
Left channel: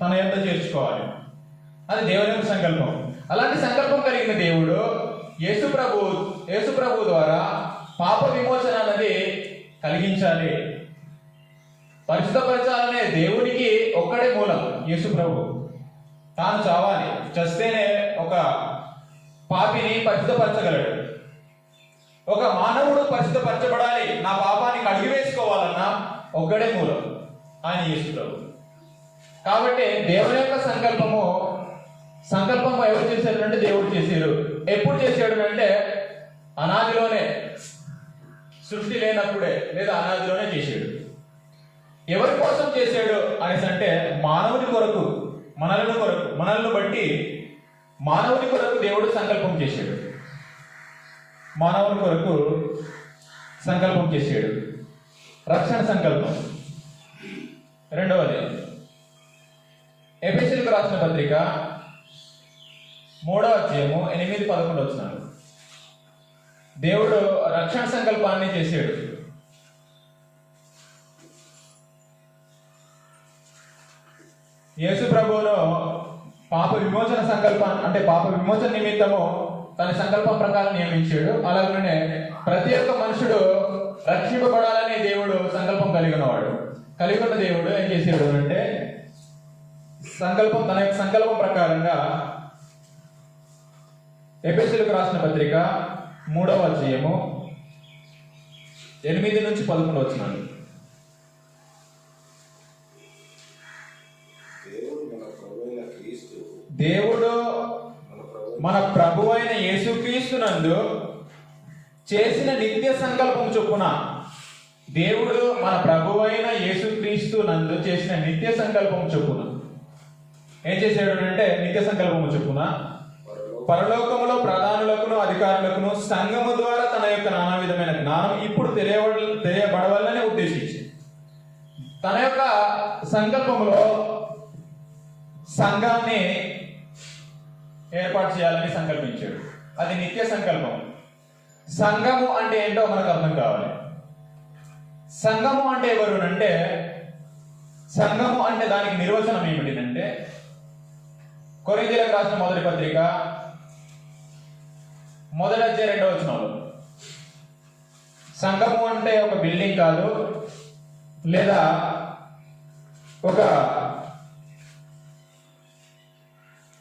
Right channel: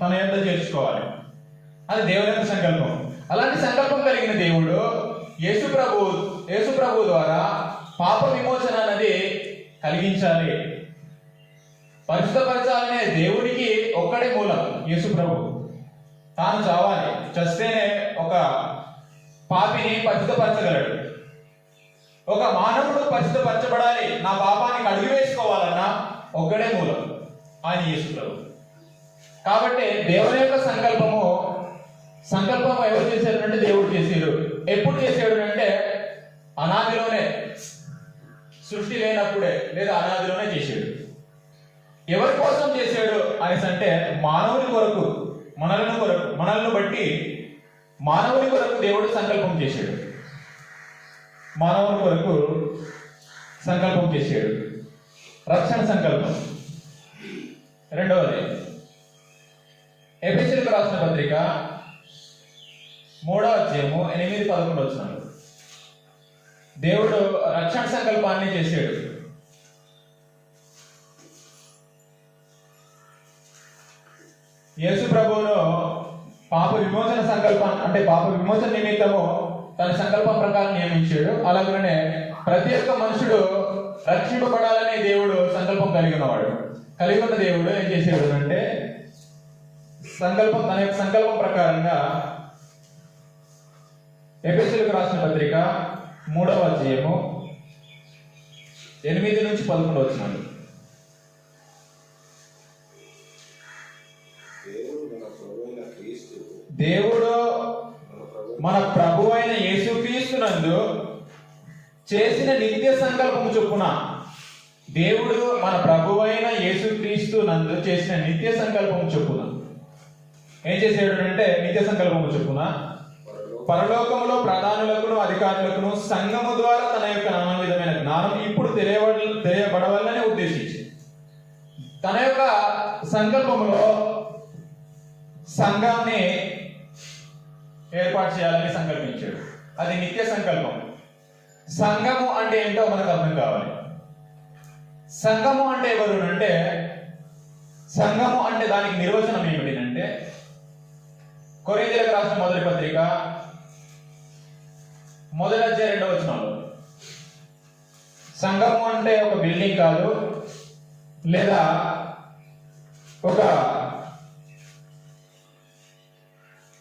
తన ఎంత చేర్చుకోవాలి. అది దేవుని యొక్క సంకల్పం. అలాంటి సంకల్పం కలిగిన దేవుడు యేసు ప్రభు ద్వారా పాప విమోచన అనేది కలిగించాలి. పరిశుద్ధపరచాలనే దేవునికి ఒక్కడే మూలం యేసు ప్రభు. తాను చావాలి, చస్తేనే ఒక పాపిని పరిశుద్ధపరచగలడు. ఒక మానవుడు పరిశుద్ధపరచబడాలి, నా పాపాన్ని కడిగి వేసుకోవాలన్నా ఒక్కడే మూలం ఆయన యేసు ప్రభు. కాబట్టి దేవుని యొక్క సంకల్పం ఎవరు చేశారు అంటే దేవుడు చేశారు. ఎప్పుడు చేశాడు అంటే అనాదిలోనే, సృష్టి లేనప్పుడే లేదా అనాదిలోనే చేశాడు. ఎవరి కోసం చేశాడు అనేసి అంటే మానవుని కొరకు, మనల్ని బట్టి మానవుని కొరకు దేవుడు సంకల్పం చేశాడు. మానవుని కొరకు సంకల్పం చేశాడు. రక్షణ సంకల్పం. రెండవది ఎఫెసీయులకు రాసిన పత్రిక 3వ అధ్యాయము 8-11 వచనాలు. దేవుడు రక్షణ సంకల్పాన్ని చేశాడు. యేసు ప్రభువును పాప విమోచన నిమిత్తము తన సంకల్పం ప్రకారం నియమించాడు. అలాగనే ప్రతి ఒక్క మనుషుడు రక్షింపబడాలని దేవుడు సంకల్పం కలిగి ఉన్న దేవుడు ఏం చేశాడు అంటే తన యొక్క సంకల్పం ప్రకారంగా ఎఫెసీయులకు రాసిన పత్రిక 3వ అధ్యాయము 8-11 వచనాలు. దేవుడు మన ప్రభువైన యేసుక్రీస్తునందు చేసిన నిత్య సంకల్పం చొప్పున, దేవుడు మన ప్రభువైన యేసుక్రీస్తునందు చేసిన నిత్య సంకల్పం చొప్పున ఏం చేశాడు అంటే నిత్య సంకల్పము చెప్పున పరలోకములో ప్రధానులకును అధికారులకును సంఘము ద్వారా తన యొక్క నానా విధమైన జ్ఞానం ఇప్పుడు తెలియబడవాలని ఉద్దేశించి తన యొక్క సంకల్పములో సంఘాన్ని ఏర్పాటు చేయాలని సంకల్పించాడు. అది నిత్య సంకల్పం. సంఘము అంటే ఏంటో మనకు అర్థం కావాలి. సంఘము అంటే ఎవరు అంటే, సంఘము అంటే దానికి నిర్వచనం ఏమిటంటే, కొరింథీయులకు రాసిన మొదటి పత్రిక 1వ అధ్యాయం 2వ వచనంలో సంఘము అంటే ఒక బిల్డింగ్ కాదు, లేదా ఒక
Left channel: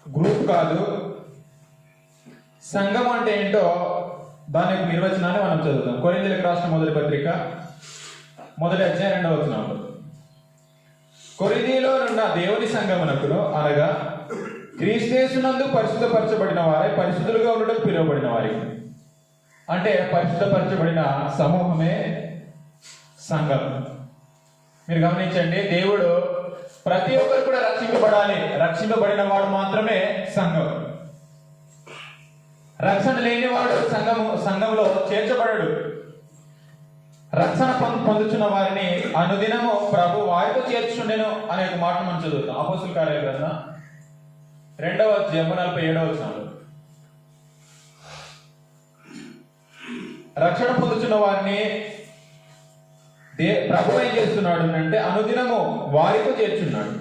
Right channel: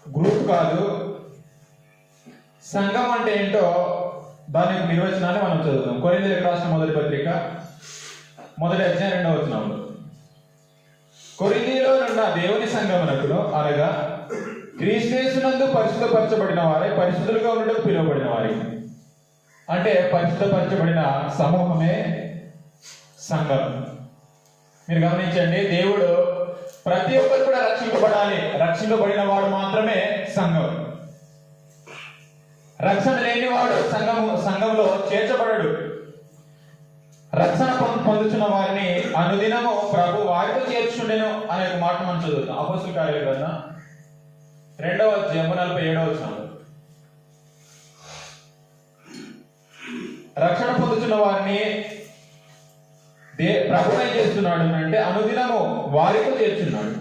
గ్రూప్ కాదు. సంఘం అంటే ఏంటో దాని యొక్క నిర్వచనాన్ని మనం చదువుతాం. కొరింథీయులకు రాసిన మొదటి పత్రిక 1వ అధ్యాయం 2వ వచనంలో, కొరింథీయులో ఉన్న దేవుని సంఘమునకును అనగా క్రీస్తునందు పరిశుద్ధపరచబడిన వారే పరిశుద్ధులుగా ఉండడం పిలువబడిన వారి, అంటే పరిశుద్ధపరచబడిన సమూహమే సంఘం. మీరు గమనించండి, దేవుడు ప్రతి ఒక్కరు కూడా రక్షింపబడాలి. రక్షింపబడిన వాడు మాత్రమే సంఘం. రక్షణ లేనివాడు సంఘంలో చేర్చబడడు. రక్షణ పొందుతున్న వారిని అనుదినము ప్రభు వారితో చేర్చుండెను అనే ఒక మాట మనం చదువుతాం. అపోస్తలుల కార్యాల గ్రంథం 2వ అధ్యాయం 47వ వచనం. రక్షణ పొందుతున్న వారిని ప్రభు ఏం చేస్తున్నాడు అంటే అనుదినము వారితో చేర్చున్నాడు.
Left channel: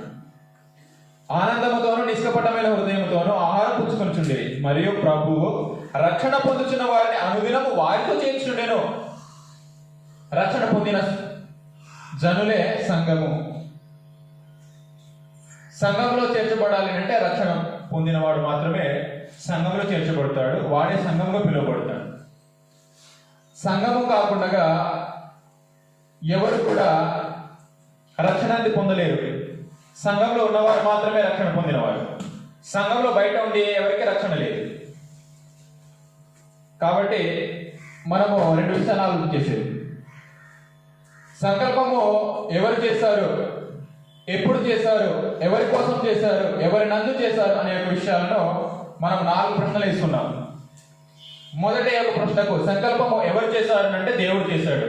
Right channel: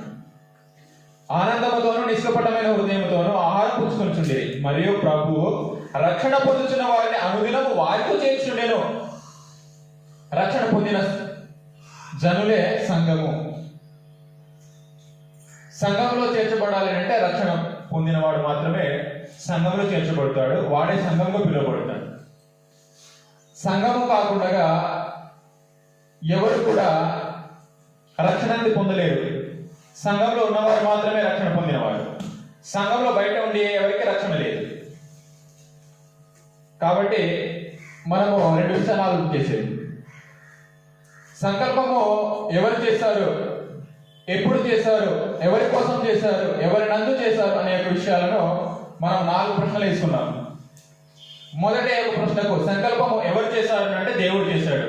ఆనందముతోను నిష్కపటమైన హృదయముతోను ఆహారం పుచ్చుకొనుచుండేది. మరియు ప్రభువు రక్షణ పొందుతున్న వారిని అనుదినము వారితో చేర్చుండెను. రక్షణ పొందిన జనులే సంఘము. సంఘంలో చేర్చబడాలి అంటే రక్షణ పొందినవాడు మాత్రమే సంఘంలో చేర్చబడతాడు. వాడే సంఘంలో పిలువబడతాడు. సంఘము కాకుండా ఎవరు కూడా రక్షణని పొందలేరు. సంఘంలో ఉన్నవారు మాత్రమే రక్షణ పొందినవారు. సంఘంలో బయట ఉండి ఎవరికి రక్షణ లేదు. కాబట్టి మనము 2 విషయాలు ఆలోచన చేసేది. సంకల్పము ఎవరు చేశారు, ఎప్పుడు చేశారు, ఎవరి కోసం చేశారు, ఎవరి నందు చేశారు అనే విషయాలను మనం 4 ప్రశ్నలు వేసుకున్నాం. మొదటి ఒక ప్రశ్నకు సంకల్పము ఎవరు చేశారు అంటే దేవుడు చేశాడు.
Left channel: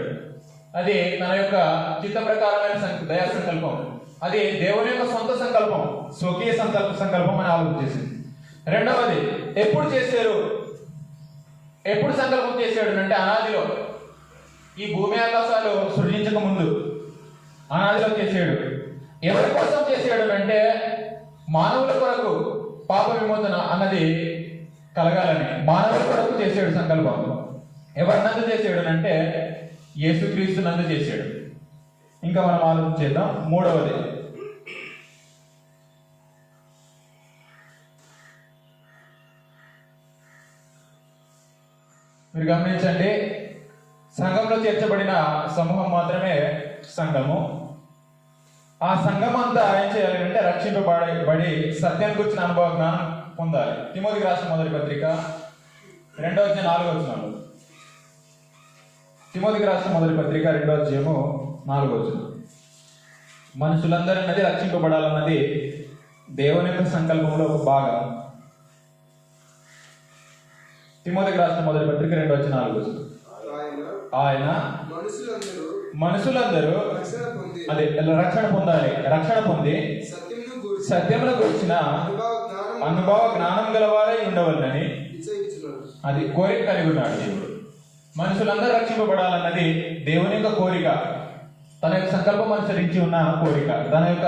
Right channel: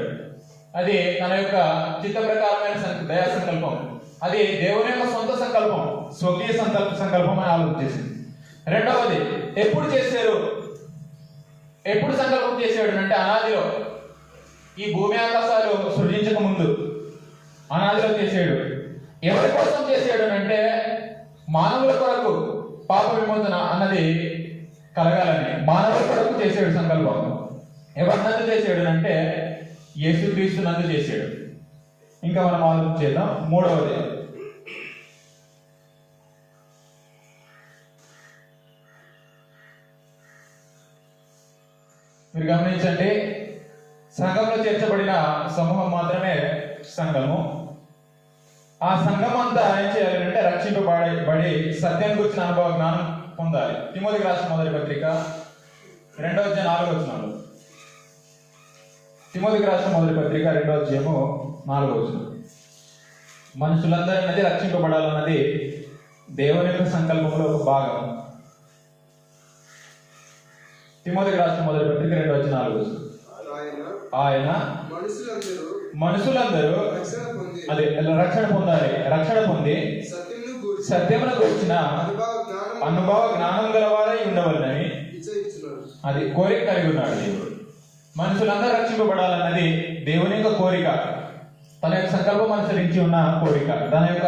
అది తన యొక్క చిత్త ప్రకారమైన దయా సంకల్పం. అది దేవుని యొక్క సొంత సంకల్పం, స్వకీయ సంకల్పం అని ఆలోచించేసింది. రెండవది ఎప్పుడు చేశారు, ఎప్పుడు సంకల్పం చేశాడు అంటే అనాదిలో, ఈ భూమి ఆకాశాలు సృజించక ముందు అనాదిలో చేశాడు. ఎవరి కోసం చేశాడు అంటే మానవుల కొరకు పాప విమోచన అన్నది కలగాలని మానవుల కొరకు చేశాడు సంకల్పం. ఎవరి నందు చేశాడు అంటే యేసుక్రీస్తు నందు చేశాడు. ఇంకా మనం ఆలోచన చేద్దాం. మూడవది మీరు గమనించండి, సంఘంలో చేర్చబడిన సమూహం మాత్రమే సంఘము. ఆ సంఘం అంతా ఏం చేయాలి అంటే రక్షింపబడి సత్యం గురించిన అనుభవ జ్ఞానం పొందాలి. తిమోతికి రాసిన మొదటి పత్రిక 2వ అధ్యాయం 4వ వచనంలో, తిమోతికి రాసిన మొదటి పత్రిక 2వ అధ్యాయము 4వ వచనం, మనుషులందరినీ రక్షింపబడాలన్నది దేవుని యొక్క సంకల్పంలో ఒక భాగం. తిమోతికి రాసిన మొదటి పత్రిక 2వ అధ్యాయం 4వ వచనం, ఆయన మనుషులందరూ అదే రక్షణ పొందాలి. రక్షణ పొంది సత్యమును గురించిన అనుభవ జ్ఞానం గలవారై ఉండవలనని అది కోరిక కలిగి ఉన్నాడు దేవుడు. మనుషులందరూ రక్షింపబడాలన్నది దేవుని యొక్క కోరిక, తన యొక్క సంకల్పం అనుసరించి ఉన్న కోరిక, తన యొక్క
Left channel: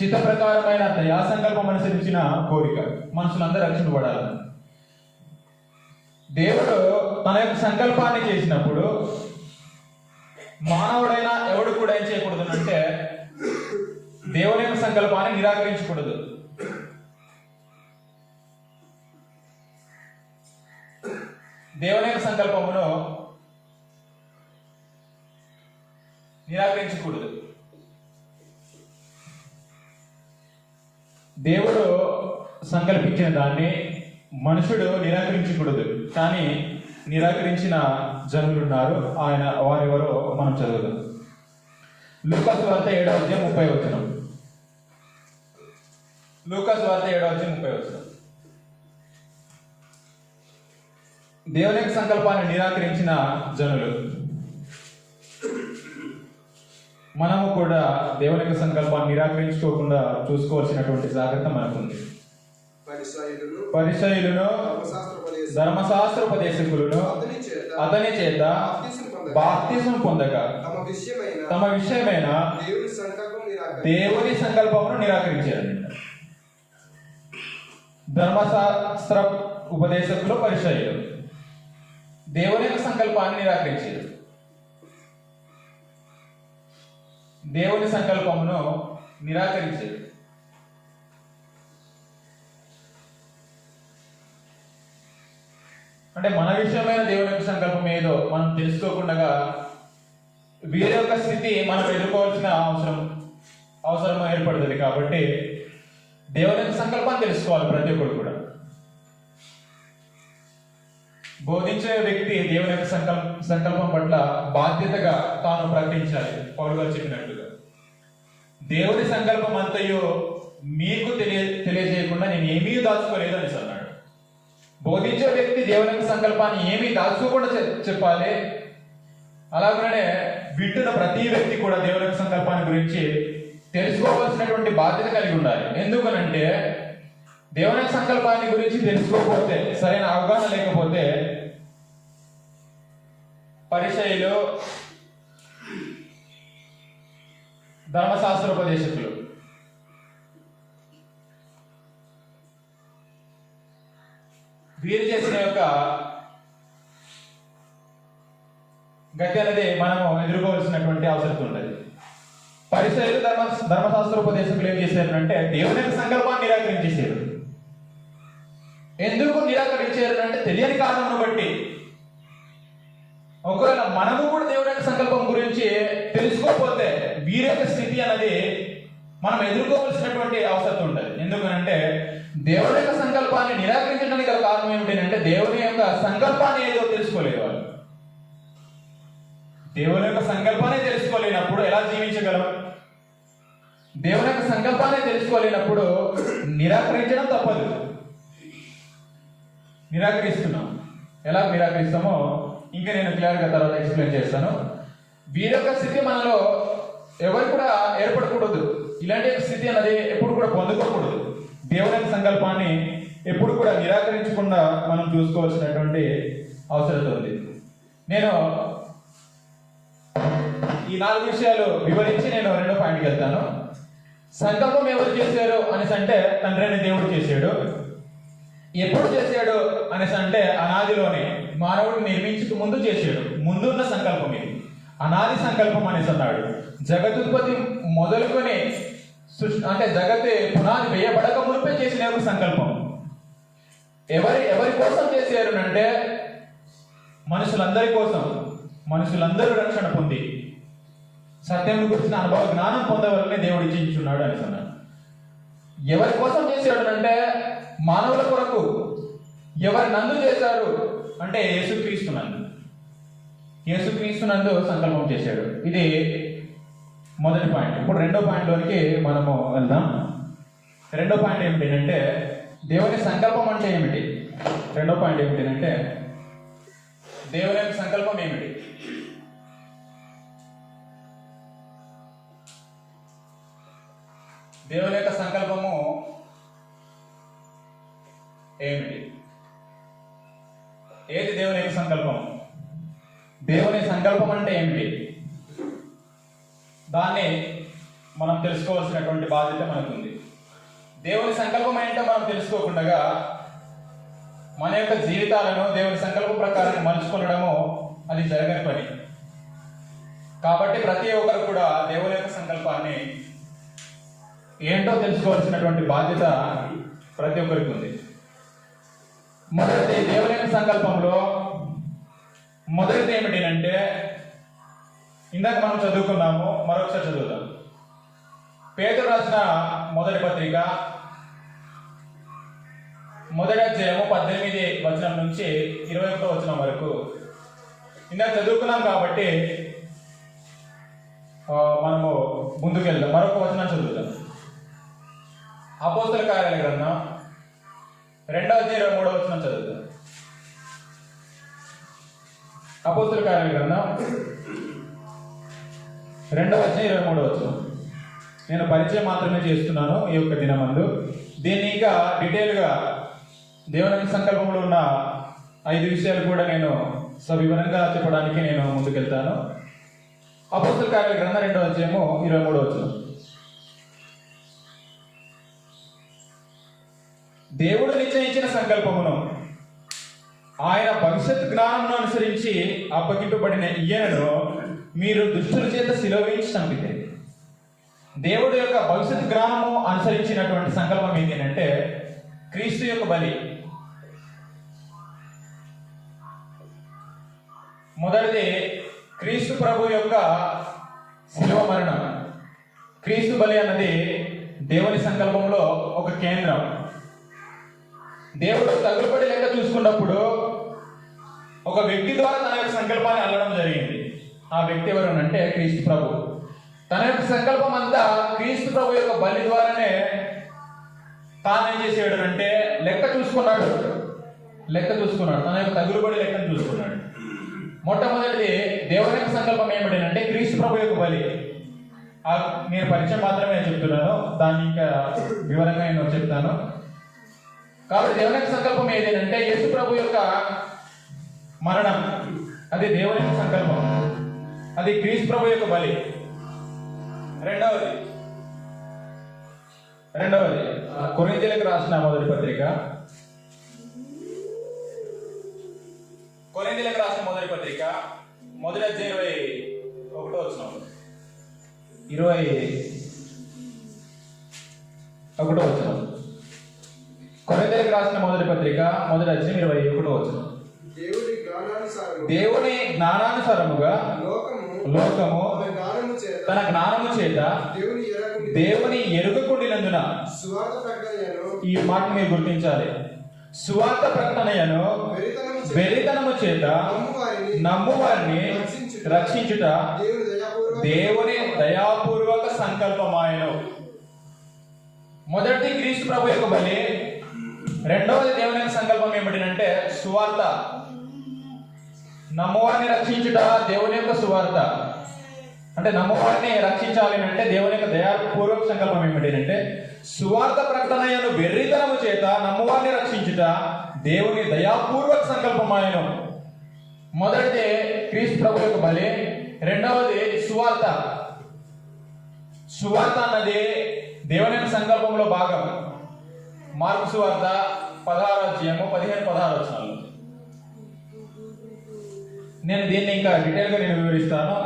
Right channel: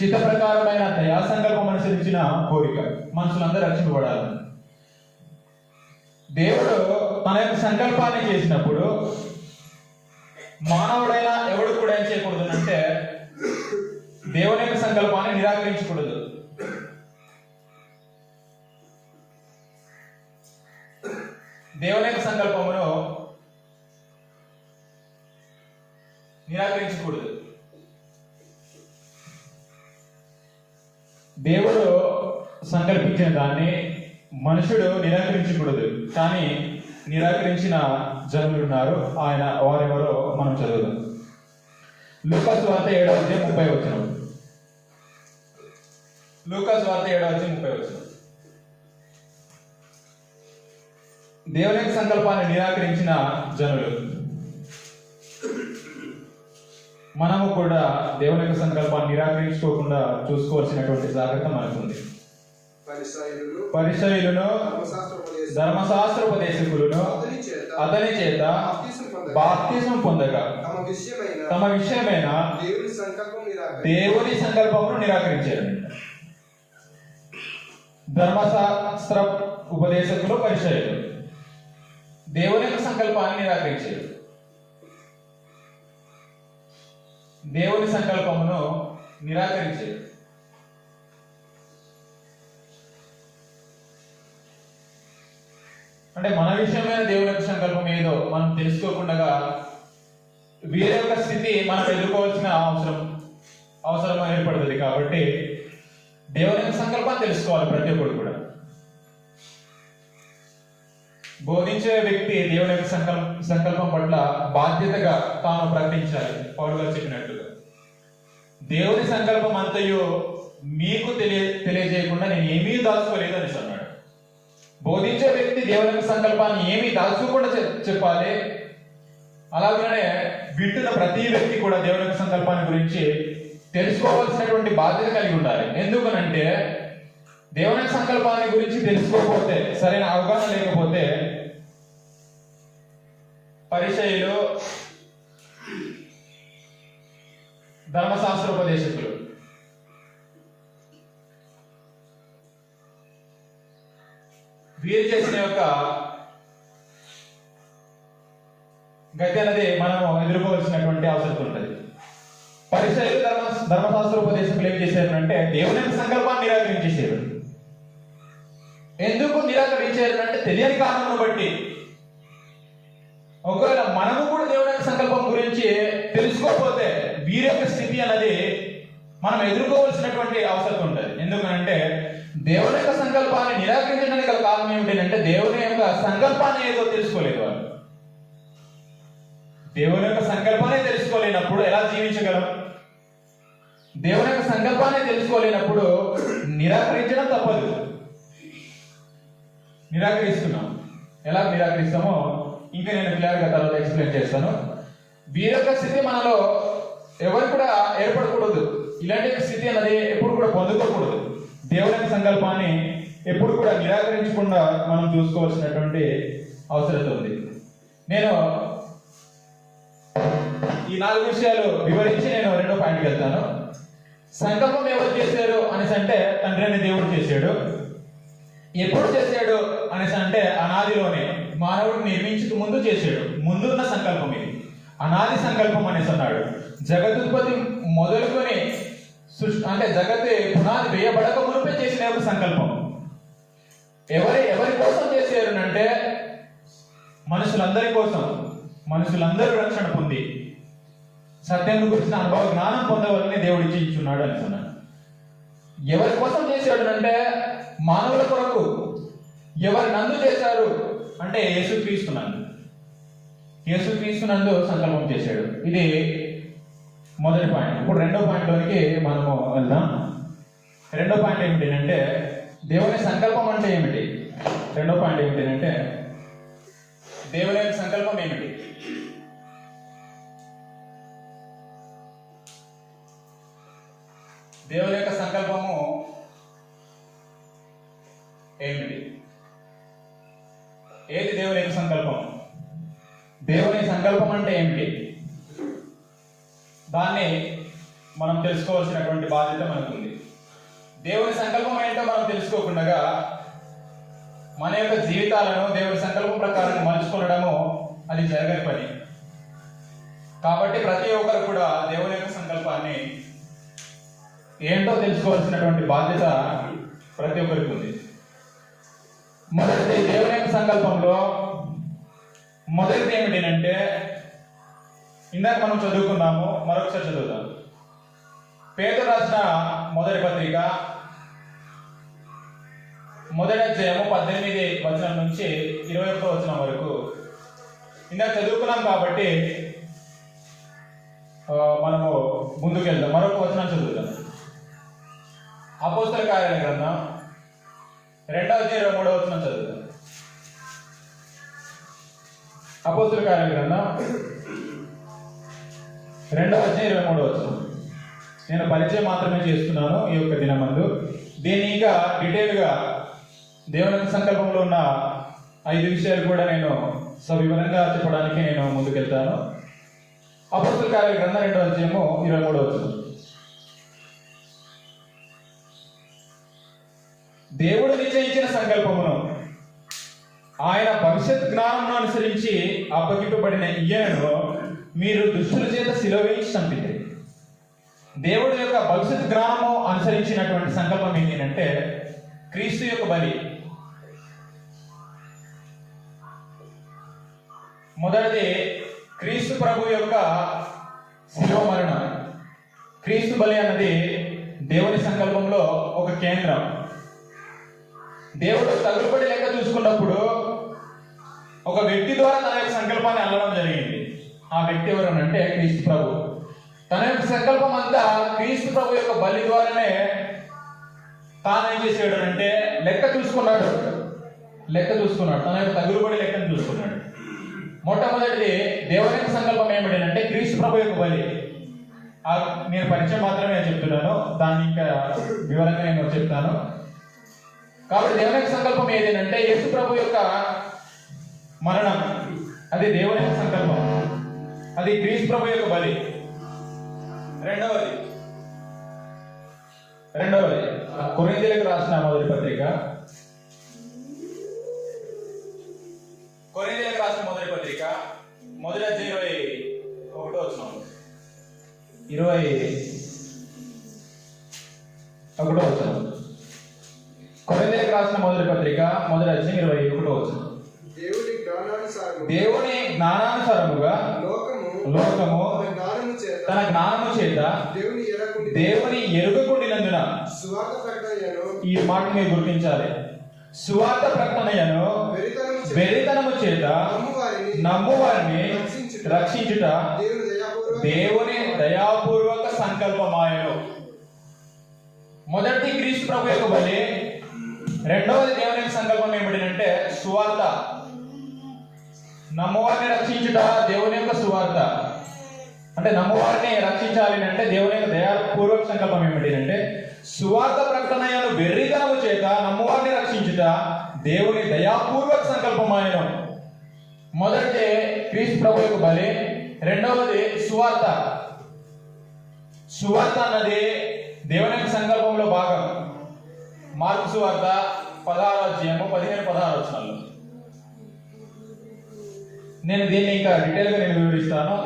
చిత్త ప్రకారమైన దయా సంకల్పం అనుసరించిన కోరిక. మనుషులందరూ రక్షింపబడాలని దేవుడు తన యొక్క సంకల్పాన్ని చేసినప్పుడు మానవుడైనా ఎవడు కూడా ఏం చేయకూడదు అంటే దేవుని యొక్క సంకల్పాన్ని నిరాకరించకూడదు. దేవుని యొక్క సంకల్పమును నిరాకరించకూడదు. దేవుడు సంకల్పించిన దాన్ని మనుషుడు నిరాకరించకూడదు. కానీ నిరాకరించిన జనులు ఉన్నారు. వారెవరో మనం చదువుదాం. లూకా సువార్త 7వ అధ్యాయం 30వ వచనం, లూకాసు వార్త 7:30. దేవుని యొక్క సంకల్పాన్ని నిరాకరించిన జనులు. మనము కూడా దేవుని యొక్క సంకల్పాన్ని నిరాకరించుకోకుండా చూసుకోవాల్సినటువంటి జాగ్రత్త మనకుంది. పరిసయ్యులను ధర్మశాస్త్రోపదేశకులను అతని చేత బాప్తిజం పొందగా తమ విషయమైన దేవుని సంకల్పమును నిరాకరించారు. ధర్మశాస్త్ర ఉపదేశకులు పరిసయ్యులు దేవుని యొక్క సంకల్పాన్ని నిరాకరించారు. దేవుని సంకల్పమును నిరాకరించారు. అంటే మన విషయమైన దేవుని యొక్క సంకల్పం ఏదో మనం తెలుసుకోకుండా వీరి యొక్క స్థితి మనం ఎదుర్కోవాల్సిన అవసరం ఏర్పడుతుంది. కాబట్టి దేవుని యొక్క సంకల్పాన్ని తెలుసుకోవాలి ప్రతి ఒక్కరు కూడా. బోధించే వ్యక్తి దేవుని యొక్క సంకల్పం పట్ల బాధ్యతగా తాను ప్రకటించాలి. పౌలు గారు చెప్పినట్లుగా దేవుని సంకల్పం అంతయు మీకు తెలియజేయకుండా నేను ఏమీ దాచుకోలేదు అని అన్నాడు. బోధించే వ్యక్తి దేవుని యొక్క సంకల్పాన్ని ఏమీ దాచుకోకుండా చెప్పాలి. అలాగనే వింటున్న ప్రతి వ్యక్తి కూడా దేవుని యొక్క సంకల్పాన్ని గురించి తెలుసుకోవాల్సినటువంటి బాధ్యత కలిగి ఉండాలి. ఎందుకనంటే దేవుని సంకల్పాన్ని గురించి తెలుసుకోకపోతే, సరైన అవగాహన లేకపోతే పరిసయ్యులు ధర్మశాస్త్రోపదేశకులు వీరు చేసిన యొక్క గతి అనేది మనము ఎదుర్కోవాల్సినటువంటి అవసరం ఉంటుంది. పరిసయ్యులు ధర్మశాస్త్రోపదేశకులు ఏం చేశారంటే దేవుని యొక్క సంకల్పాన్ని నిరాకరించేశారు. ఎందుకు నిరాకరించారు అంటే తెలియని కారణం బట్టి. ఒకవేళ మనము కూడా దేవుని యొక్క సంకల్పం గురించి తెలుసుకోకపోతే వీరి యొక్క స్థితి అనేది మనం ఎదుర్కోవాల్సినటువంటి అవసరం ఉంటుంది. ఎందుకంటే దేవుని యొక్క సంకల్పాన్ని నిరాకరించడానికి గల కారణం ఏమిటంటే దేవుని యొక్క సంకల్పాన్ని ఏదో తెలుసుకోలేదు వాళ్ళు. దేవుని యొక్క సంకల్పాన్ని తెలుసుకోలేనప్పుడు ఎలా జీవించగలం? దేవుని యొక్క సంకల్పాన్ని తెలుసుకోలేనప్పుడు నిరాకరించడం తప్పదు. నిరాకరిస్తున్నాం. ఎలా నిరాకరిస్తామో ఇంకా నేను క్లియర్గా తర్వాత ఎక్స్ప్లెయిన్ చేస్తాను. వీరి యొక్క స్థితి మనలో ఎవరు కూడా ఏర్పడకూడదు. ఇలాంటి స్థితి అనేది ఎప్పుడు కూడా పొందుకోకూడదు. దేవుని యొక్క సంకల్పాన్ని ఎప్పుడు కూడా నిరాకరించకుండా మనం చూసుకోవాల్సినటువంటి అవసరం ఉంది. నేను ఈ 4 విషయాలు వివరించి నేను 2వ పాయింట్కి వెళ్తాను. సంకల్పం ఎవరు చేశారు అనేసి అంటే తండ్రి అనే దేవుడు చేశాడు. ఎప్పుడు చేశాడు అనేసి అంటే అనాదిలోనే మానవుడు నిర్మించక ముందు చేశాడు. ముందున్న సంకల్పం ఇది అనాది సంకల్పం అనేసి అన్నాడు. జగదుత్పత్తి మొదలుకొని అంటే జగత్ పునాది వేయబడక మునిపే చేసిన ఒక సంకల్పం. ఎవరి కోసం చేశారు అంటే మనుషులందరి కోసం. మనుషులందరూ రక్షణ పొంది సత్యం గురించిన అనుభవ జ్ఞానం పొందవాలని దేవుడు ఇచ్చించున్నాడు అని అన్నాడు. ఎవరి కోసం చేశాడు అంటే మానవుల కొరకు. ఎవరు నందు చేశారు అంటే యేసుక్రీస్తునందు. యేసుక్రీస్తునందు సంకల్పం చేశాడు. ఇది మొదటి పాయింట్. ఇప్పుడు 2వ పాయింట్లోనికి మనము వెళ్దాం. 2వ పాయింట్ ఏమిటి అంటే దేవుని సంకల్పం అంటే ఏమిటి? 2వ పాయింట్ ఏమిటి అంటే దేవుని యొక్క సంకల్పం ఏమిటి? దేవుని యొక్క సంకల్పము ఏమిటి? ఏది దేవుని యొక్క సంకల్పం? దేవుని సంకల్పం అంటే ఏమిటి? దాన్ని మనం తెలుసుకోవాల్సినటువంటి బాధ్యత మనకుంది. దేవుని సంకల్పం ఏంటో మనం తెలుసుకోకుండా మన యొక్క జీవితాలను దేవుని సంకల్పం ప్రకారం మలుచుకోవడము అది జరగని పని. కాబట్టి ప్రతి ఒక్కరు కూడా దేవుని యొక్క సంకల్పాన్ని ఏంటో తెలుసుకోవాల్సినటువంటి బాధ్యత ప్రతి ఒక్కరికి ఉంది. మొదటి దేవుని యొక్క సంకల్పంలో మొదటిది ఏమిటి అంటే ఇందాక మనం చదువుకున్నాము, మరొకసారి చదువుతాం. పేతురు రాసిన మొదటి పత్రిక 1వ అధ్యాయము 18వ వచనం నుంచి 21వ వచనం వరకు ఇందాక చదువుకున్నాం. కాబట్టి మనము ముందుకెళ్దాం. మరొక వచనం చదువుతాం. అపోస్తల కార్యాల గ్రంథం 2:23 చదువుతాం. అపోస్తల కార్యాల గ్రంథం 2:23. నేను పరిచయం మాత్రమే చేస్తున్నాను ఈ యొక్క దినమందు. దీన్ని ఇంకా డీటెయిల్గా దేవుని సంకల్పంలో ఉన్న 5 విషయాలు కూడా నేను సవివరంగా చెప్పడానికి నేను ముందుకెళ్తాను. అపోస్తల కార్యాల గ్రంథం 2:23. దేవుడు నిశ్చయించిన సంకల్పమును ఆయన భవిష్యత్ జ్ఞానమును అనుసరించి అప్పగింపబడిన ఈయనను మీరు దుష్టుల చేత శిలువ వేయించి చంపితే. దేవుడు యొక్క భవిష్యత్ జ్ఞానము అనుసరించినటువంటి సంకల్పం ఏంటంటే క్రీస్తు యొక్క బలి. మొదటిది క్రీస్తు ప్రభు యొక్క శిలువ మరణం. క్రీస్తు బలి అన్నది దేవుని సంకల్పంలో ఒక కేంద్రం. దేవుడు తగులుబడి లెక్క చూసుకున్నప్పుడు ఒక వ్యక్తి ద్వారా తన యొక్క సంకల్పాన్ని అల్లడం జరిగింది. ఆ వ్యక్తి ఎవరు అంటే క్రీస్తు ప్రభు. తన యొక్క సంకల్పం అంతా క్రీస్తు ప్రభు యొక్క బలి ద్వారానే తాను ఏం చేసాడు అంటే లెక్క చూసుకున్నాడు. తన యొక్క తగులుబడి లెక్కను చూసుకున్నాడు. మొట్టమొదటిది దేవుని యొక్క సంకల్పం ఏమిటంటే క్రీస్తు ప్రభు యొక్క బలి. నేను పరిచయం మాత్రమే చెప్తున్నాను, దాన్ని ఇంకా వివరంగా నేను చెప్తాను. కాబట్టి దేవుని యొక్క సంకల్పం ఏదేనంటే యేసు ప్రభు యొక్క మరణం, అది దేవుని యొక్క సంకల్పం, అది క్రీస్తు ప్రభు యొక్క బలి. రెండవది కొరింథీయులకు రాసిన మొదటి పత్రిక, మొదటి అధ్యాయం 21 కొరింథీయులకు రాసిన మొదటి పత్రిక మొదటి అధ్యాయం 21. దేవుని జ్ఞానానుసారముగా లోకము తన జ్ఞానము చేత దేవుని ఎరుగకుండినందున, ఈ మాట మీరు గుర్తించాలి, సువార్త ప్రకటనయను వెరితనము చేత నమ్మువారిని రక్షించుట దేవుని దయాపూర్వక సంకల్పమాయను. మొదటి క్రీస్తు ప్రభు యొక్క బలి, రెండవది దేవుని యొక్క సంకల్పం ఏమిటంటే సువార్త. నమ్మువారిని రక్షించుట దేవుని యొక్క సువార్త. అంటే నమ్మువారిని రక్షించాలి అంటే దేవుని యొక్క దయాపూర్వక సంకల్పం ఏమిటంటే సువార్త ప్రకటనయను వెర్రితనము చేత నమ్మువారిని రక్షించుట దేవుని దయాపూర్వక సంకల్పమాయను. మొదటిది క్రీస్తు ప్రభు యొక్క బలి, రెండవది సువార్త. సువార్త అన్నది దేవుని యొక్క సంకల్పంలో భాగం. మార్కు సువార్త 16:15-16. నేను దీన్ని ఇంకా డీటెయిల్గా నేను వివరిస్తాను.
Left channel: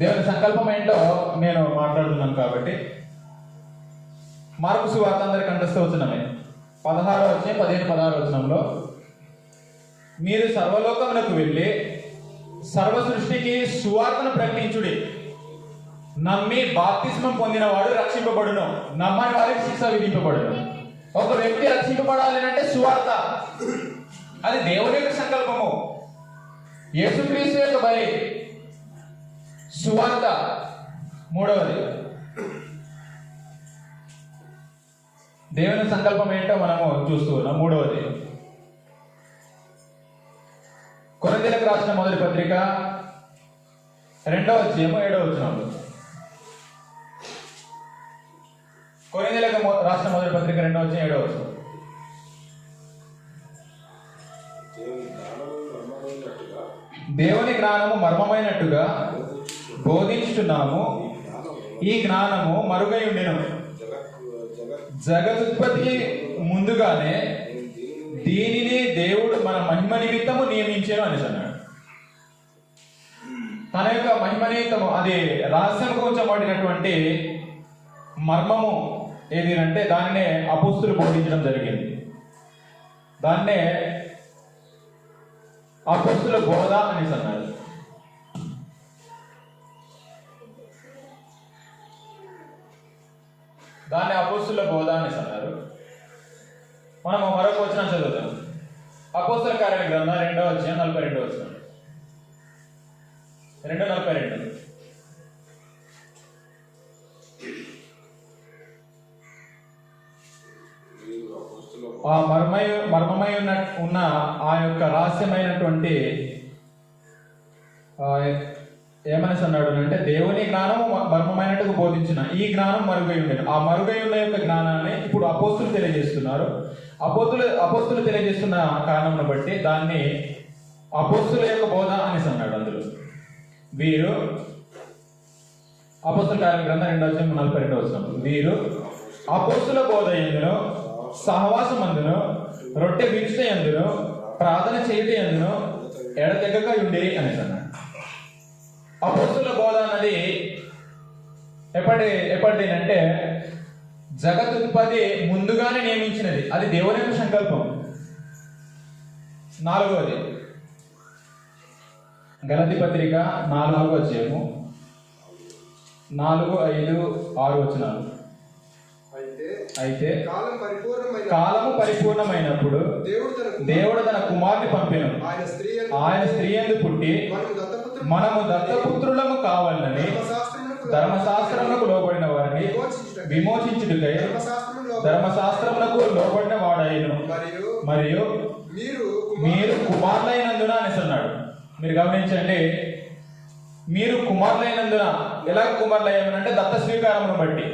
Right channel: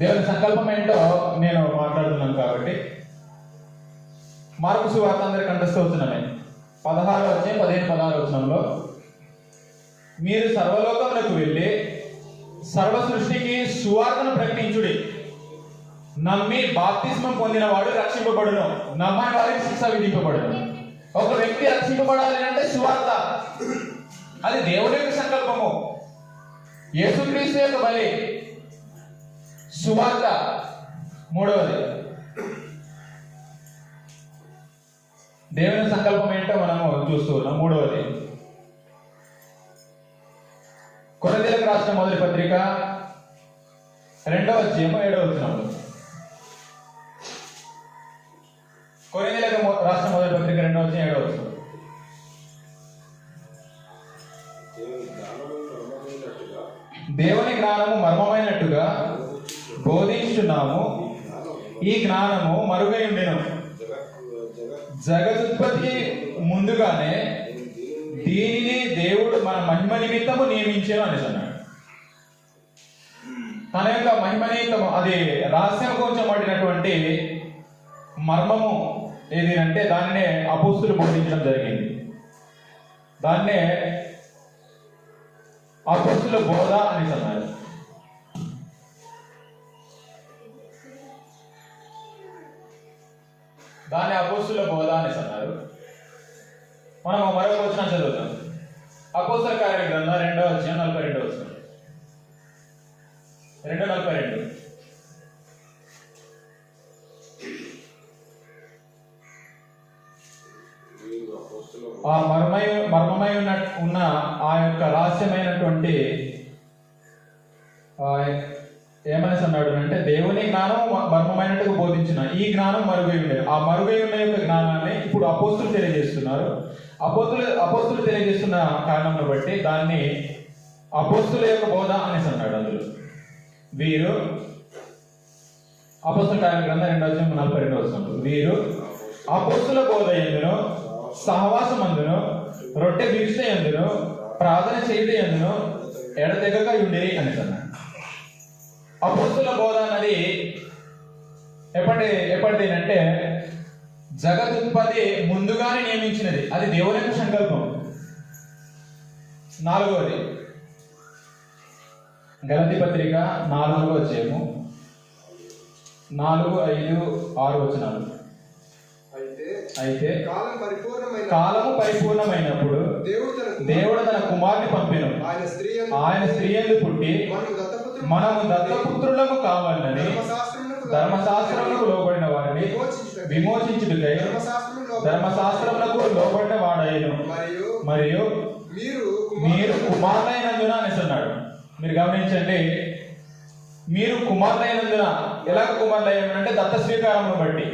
దేవుని సంకల్పం ఏంటో నేను మాట్లాడుతున్నాను కాబట్టి మార్కు సువార్త అందరికి కంఠస్థవచనమే 16:15-16 మీరు సర్వలోకములకు వెళ్ళి సర్వ సృష్టికి సువార్తను ప్రకటించుడి. నమ్మి బాప్తిస్మం పొందిన వాడు రక్షింపబడును, నమ్మని వారికి శిక్ష విధింపబడును. ఒక వ్యక్తి రక్షింపబడాలి అంటే సువార్త, అది దేవుని యొక్క సంకల్పము. యేసుక్రీస్తు యొక్క బలి, సువార్త. మూడవది దేవుని సంకల్పం ఏంటో మనము చూస్తూ ఉన్నాం. మూడవది కొరింథీయులకు రాసిన మొదటి పత్రిక 2:7. కొరింథీయులకు రాసిన మొదటి పత్రిక 2:7. దేవుని జ్ఞానము మర్మమైనట్టుగా బోధించుచున్నాము, ఈ జ్ఞానము మరుగై ఉండెను. జగదుత్పత్తి ముందుగానే దీనిని దేవుడు మన మహిమ నిమిత్తము నియమించాను అని అన్నాడు. తన యొక్క మహిమ నిమిత్తము, అది రహస్యం ఉంచబడినటువంటి మర్మము ఏది అంటే దాన్నే అపోస్తులు బోధించడం జరిగింది. దాన్నే అపోస్తుల బోధ అని అన్నారు. దాన్ని అపోస్తుల బోధ అని అన్నారు. మనం మరొక వచనం చదువుతాం. అపోస్తల కార్యాల గ్రంథం 2:42. 2:42. ఆ మర్మమై ఉన్న ఆ యొక్క రహస్యమైనటువంటి ఏమనేసి అన్నాడు అంటే దేవుని జ్ఞానం మర్మమైనట్టుగా బోధించిన ఈ జ్ఞానం మరుగై ఉండేది. ఆ మరుగై ఉన్న యొక్క జ్ఞానాన్ని ఇప్పుడు అపోస్తులు తెలియజేస్తున్నారు. అపోస్తులు తెలియజేస్తున్న కారణంను బట్టి దాన్ని అపోస్తుల యొక్క బోధ అనేసి అన్నాడు. అందులో వీరు అపోస్తుల కార్య గ్రంథం 2:42 వీరు అపోస్తుల బోధ ఎందును, సహవాసమందును, రొట్టె విరుచ ఎందును, ప్రార్థన చేయట ఎందును ఎడతెగక ఉండేది అనేసి అన్నాడు. అపోస్తుల బోధ అన్నది ఎప్పటిది అంటే జగదుత్పత్తి ముందుగానే నియమించినది. అది దేవుని యొక్క సంకల్పం. 4వది గలతీ పత్రిక 4వ అధ్యాయము 4, 5, 6 వచనాలు. అయితే కాలము పరిపూర్ణమైనప్పుడు దేవుడు తన కుమారుని పంపెను. ఆయన స్త్రీ యందు పుట్టి మనము దత్తపుత్రులకు కావాలని ధర్మశాస్త్రములకు లోబడిన వారిని విమోచించుటకై ధర్మశాస్త్రములకు లోబడిన వాడైను. మరియు మీరు కుమారులైనందున అనేసి అన్నాడు. మీరు గమనించండి, మీరు కుమారులైనందున. ఎలా కుమారులయ్యారంటే దత్త స్వీకారమును బట్టి.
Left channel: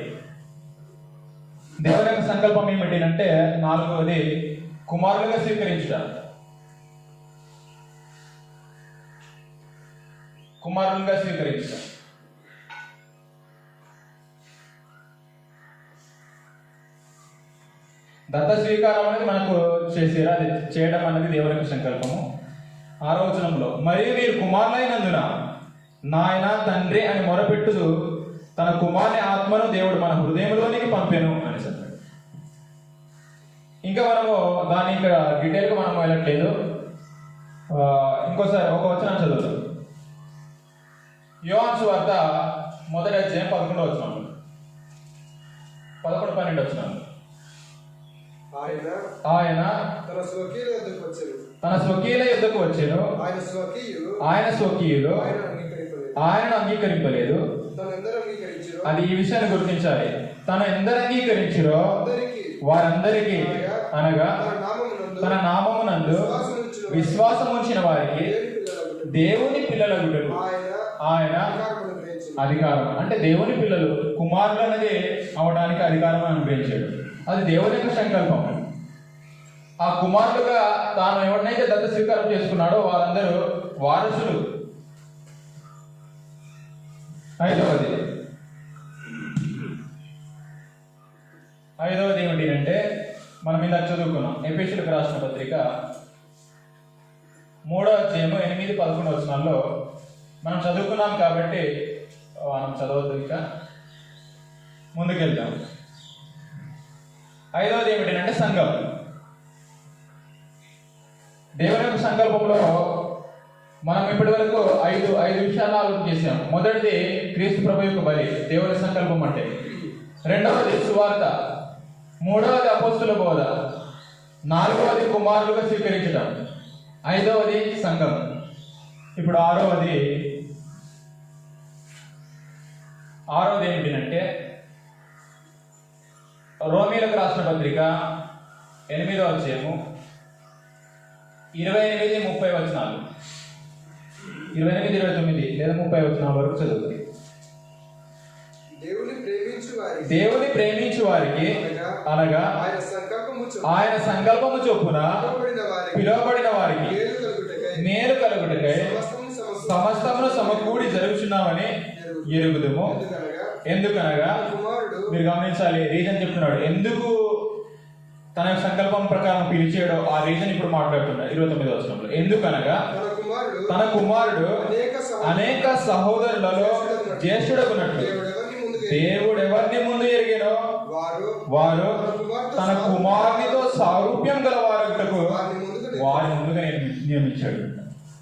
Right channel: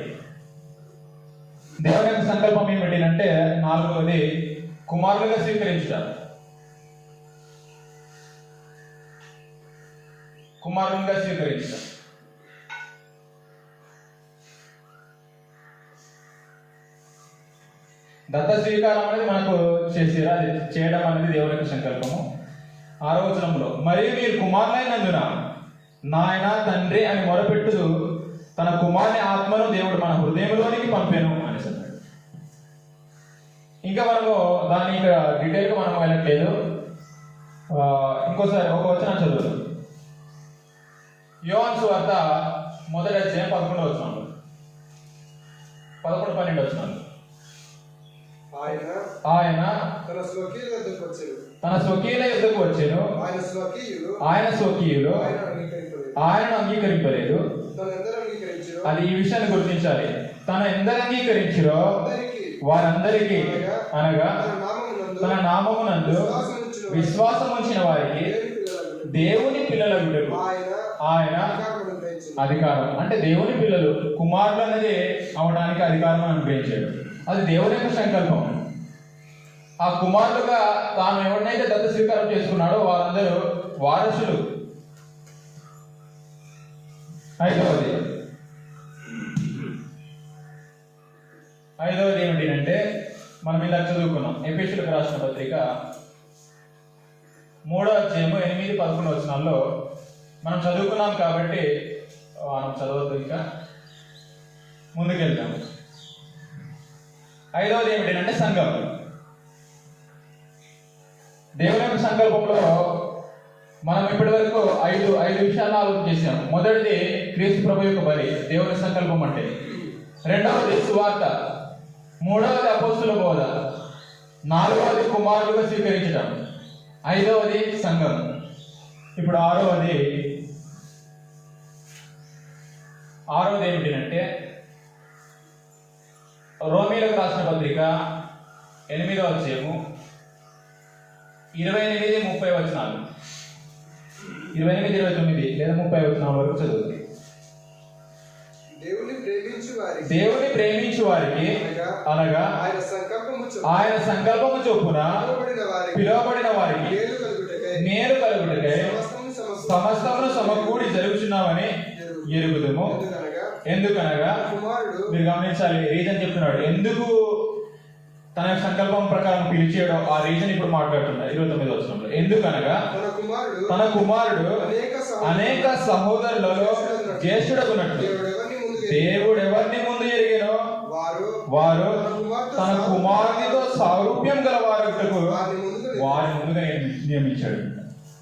దేవుని యొక్క సంకల్పం ఏమిటంటే 4వది కుమారులుగా స్వీకరించుట. కుమారులుగా స్వీకరించుట. దత్త స్వీకారం అనేది మనకు చేసేరా, అది చేయడం అనేది దేవుని యొక్క సంకల్పము. 6వ వచనంలో మరియు మీరు కుమారులైనందున నాయన తండ్రి అని మొరపెట్టుదు తన కుమారుని ఆత్మను దేవుడు మన హృదయంలోనికి పంపెను అని చెప్పాడు. ఇంకా మనము దాన్ని ఇక్కడ డీటెయిల్గా మనం వెళ్ళట్లేదు. ఇంకోసారి ఒక వచనం చదువుతాం. యోహాను సువార్త 1వ అధ్యాయం 11వ వచనం, 11, 12 వచనాలు. ఆయన తన స్వకీయుల యొద్దకు వచ్చెను. ఆయన స్వకీయులు ఆయనను అంగీకరింపలేదు. అది ఈ విషయాన్ని గుర్తించాలి. తన ఎందరు అంగీకరించిరో వారందరికీ, అనగా తన నామమునందు విశ్వాసం ఉంచిన వారికి దేవుని పిల్లలగుటకు ఆయన అధికారం, అంటే దేవుని పిల్లలు కుమారులు అనేది అవడానికి అధికారం అనుగ్రహించాడు. అది దేవుని యొక్క సంకల్పం. ఆ కుమారులుగా తాను ఎవరినైతే దత్త స్వీకారం చేసుకున్నాడో వారందరూ వారసులు. 5వది ఏమిటి అంటే మనం ఇలా చదువుకున్నాం. ఎఫెసీయులకు రాసిన పత్రిక 3వ అధ్యాయము 8, 11 వచనాల్లో మనం చదువుకున్నాం కాబట్టి మనం చదవద్దు, ఇంకా ముందుకెళ్తాం. 5వది ఏమిటి అంటే సంఘం. దేవుని యొక్క సంకల్పంలో మనం ఇప్పటి వరకు ఐదు విషయాలు ఆలోచన చేసాం. మొదటిది క్రీస్తు ప్రభు యొక్క బలి, దేవుని సంకల్పం అంటే. 2వది సువార్త. 3వది అపోస్తుల బోధ. 4వది కుమారులుగా స్వీకరించడం. 5వది సంఘం. ఇప్పుడు 6వది ఏమిటంటే రోమీయులకు రాసిన పత్రిక 8వ అధ్యాయము 28, 30 వచనాలు. 28, 29 లేదా 30 వచనాల వరకు చదువుతుంది. దేవుని ప్రేమించు వారికి అనగా ఆయన సంకల్పము చొప్పున పిలువబడిన వారికి మేలు కలుగుటకై సమస్తమును సమకూడి జరుగుచున్నామని ఎరుగుదుము. ఎందుకనగా మీరు గమనించాలి, రీజన్ చెప్తున్నాడు. ఎందుకు తన సంకల్పం ప్రకారం పిలిచాడో ఆ రీజన్ ఇప్పుడు మాట్లాడుతున్నాడు 29వ వచనంలో. ఎందుకనగా తన కుమారుడు అనేక సహోదరులలో జ్యేష్ఠుడగునట్లు దేవుడు ఎవరిని ముందు ఎరిగానో వారు తన కుమారునితో సారూప్యం గల వారిని ముందుగా నియమించాడు.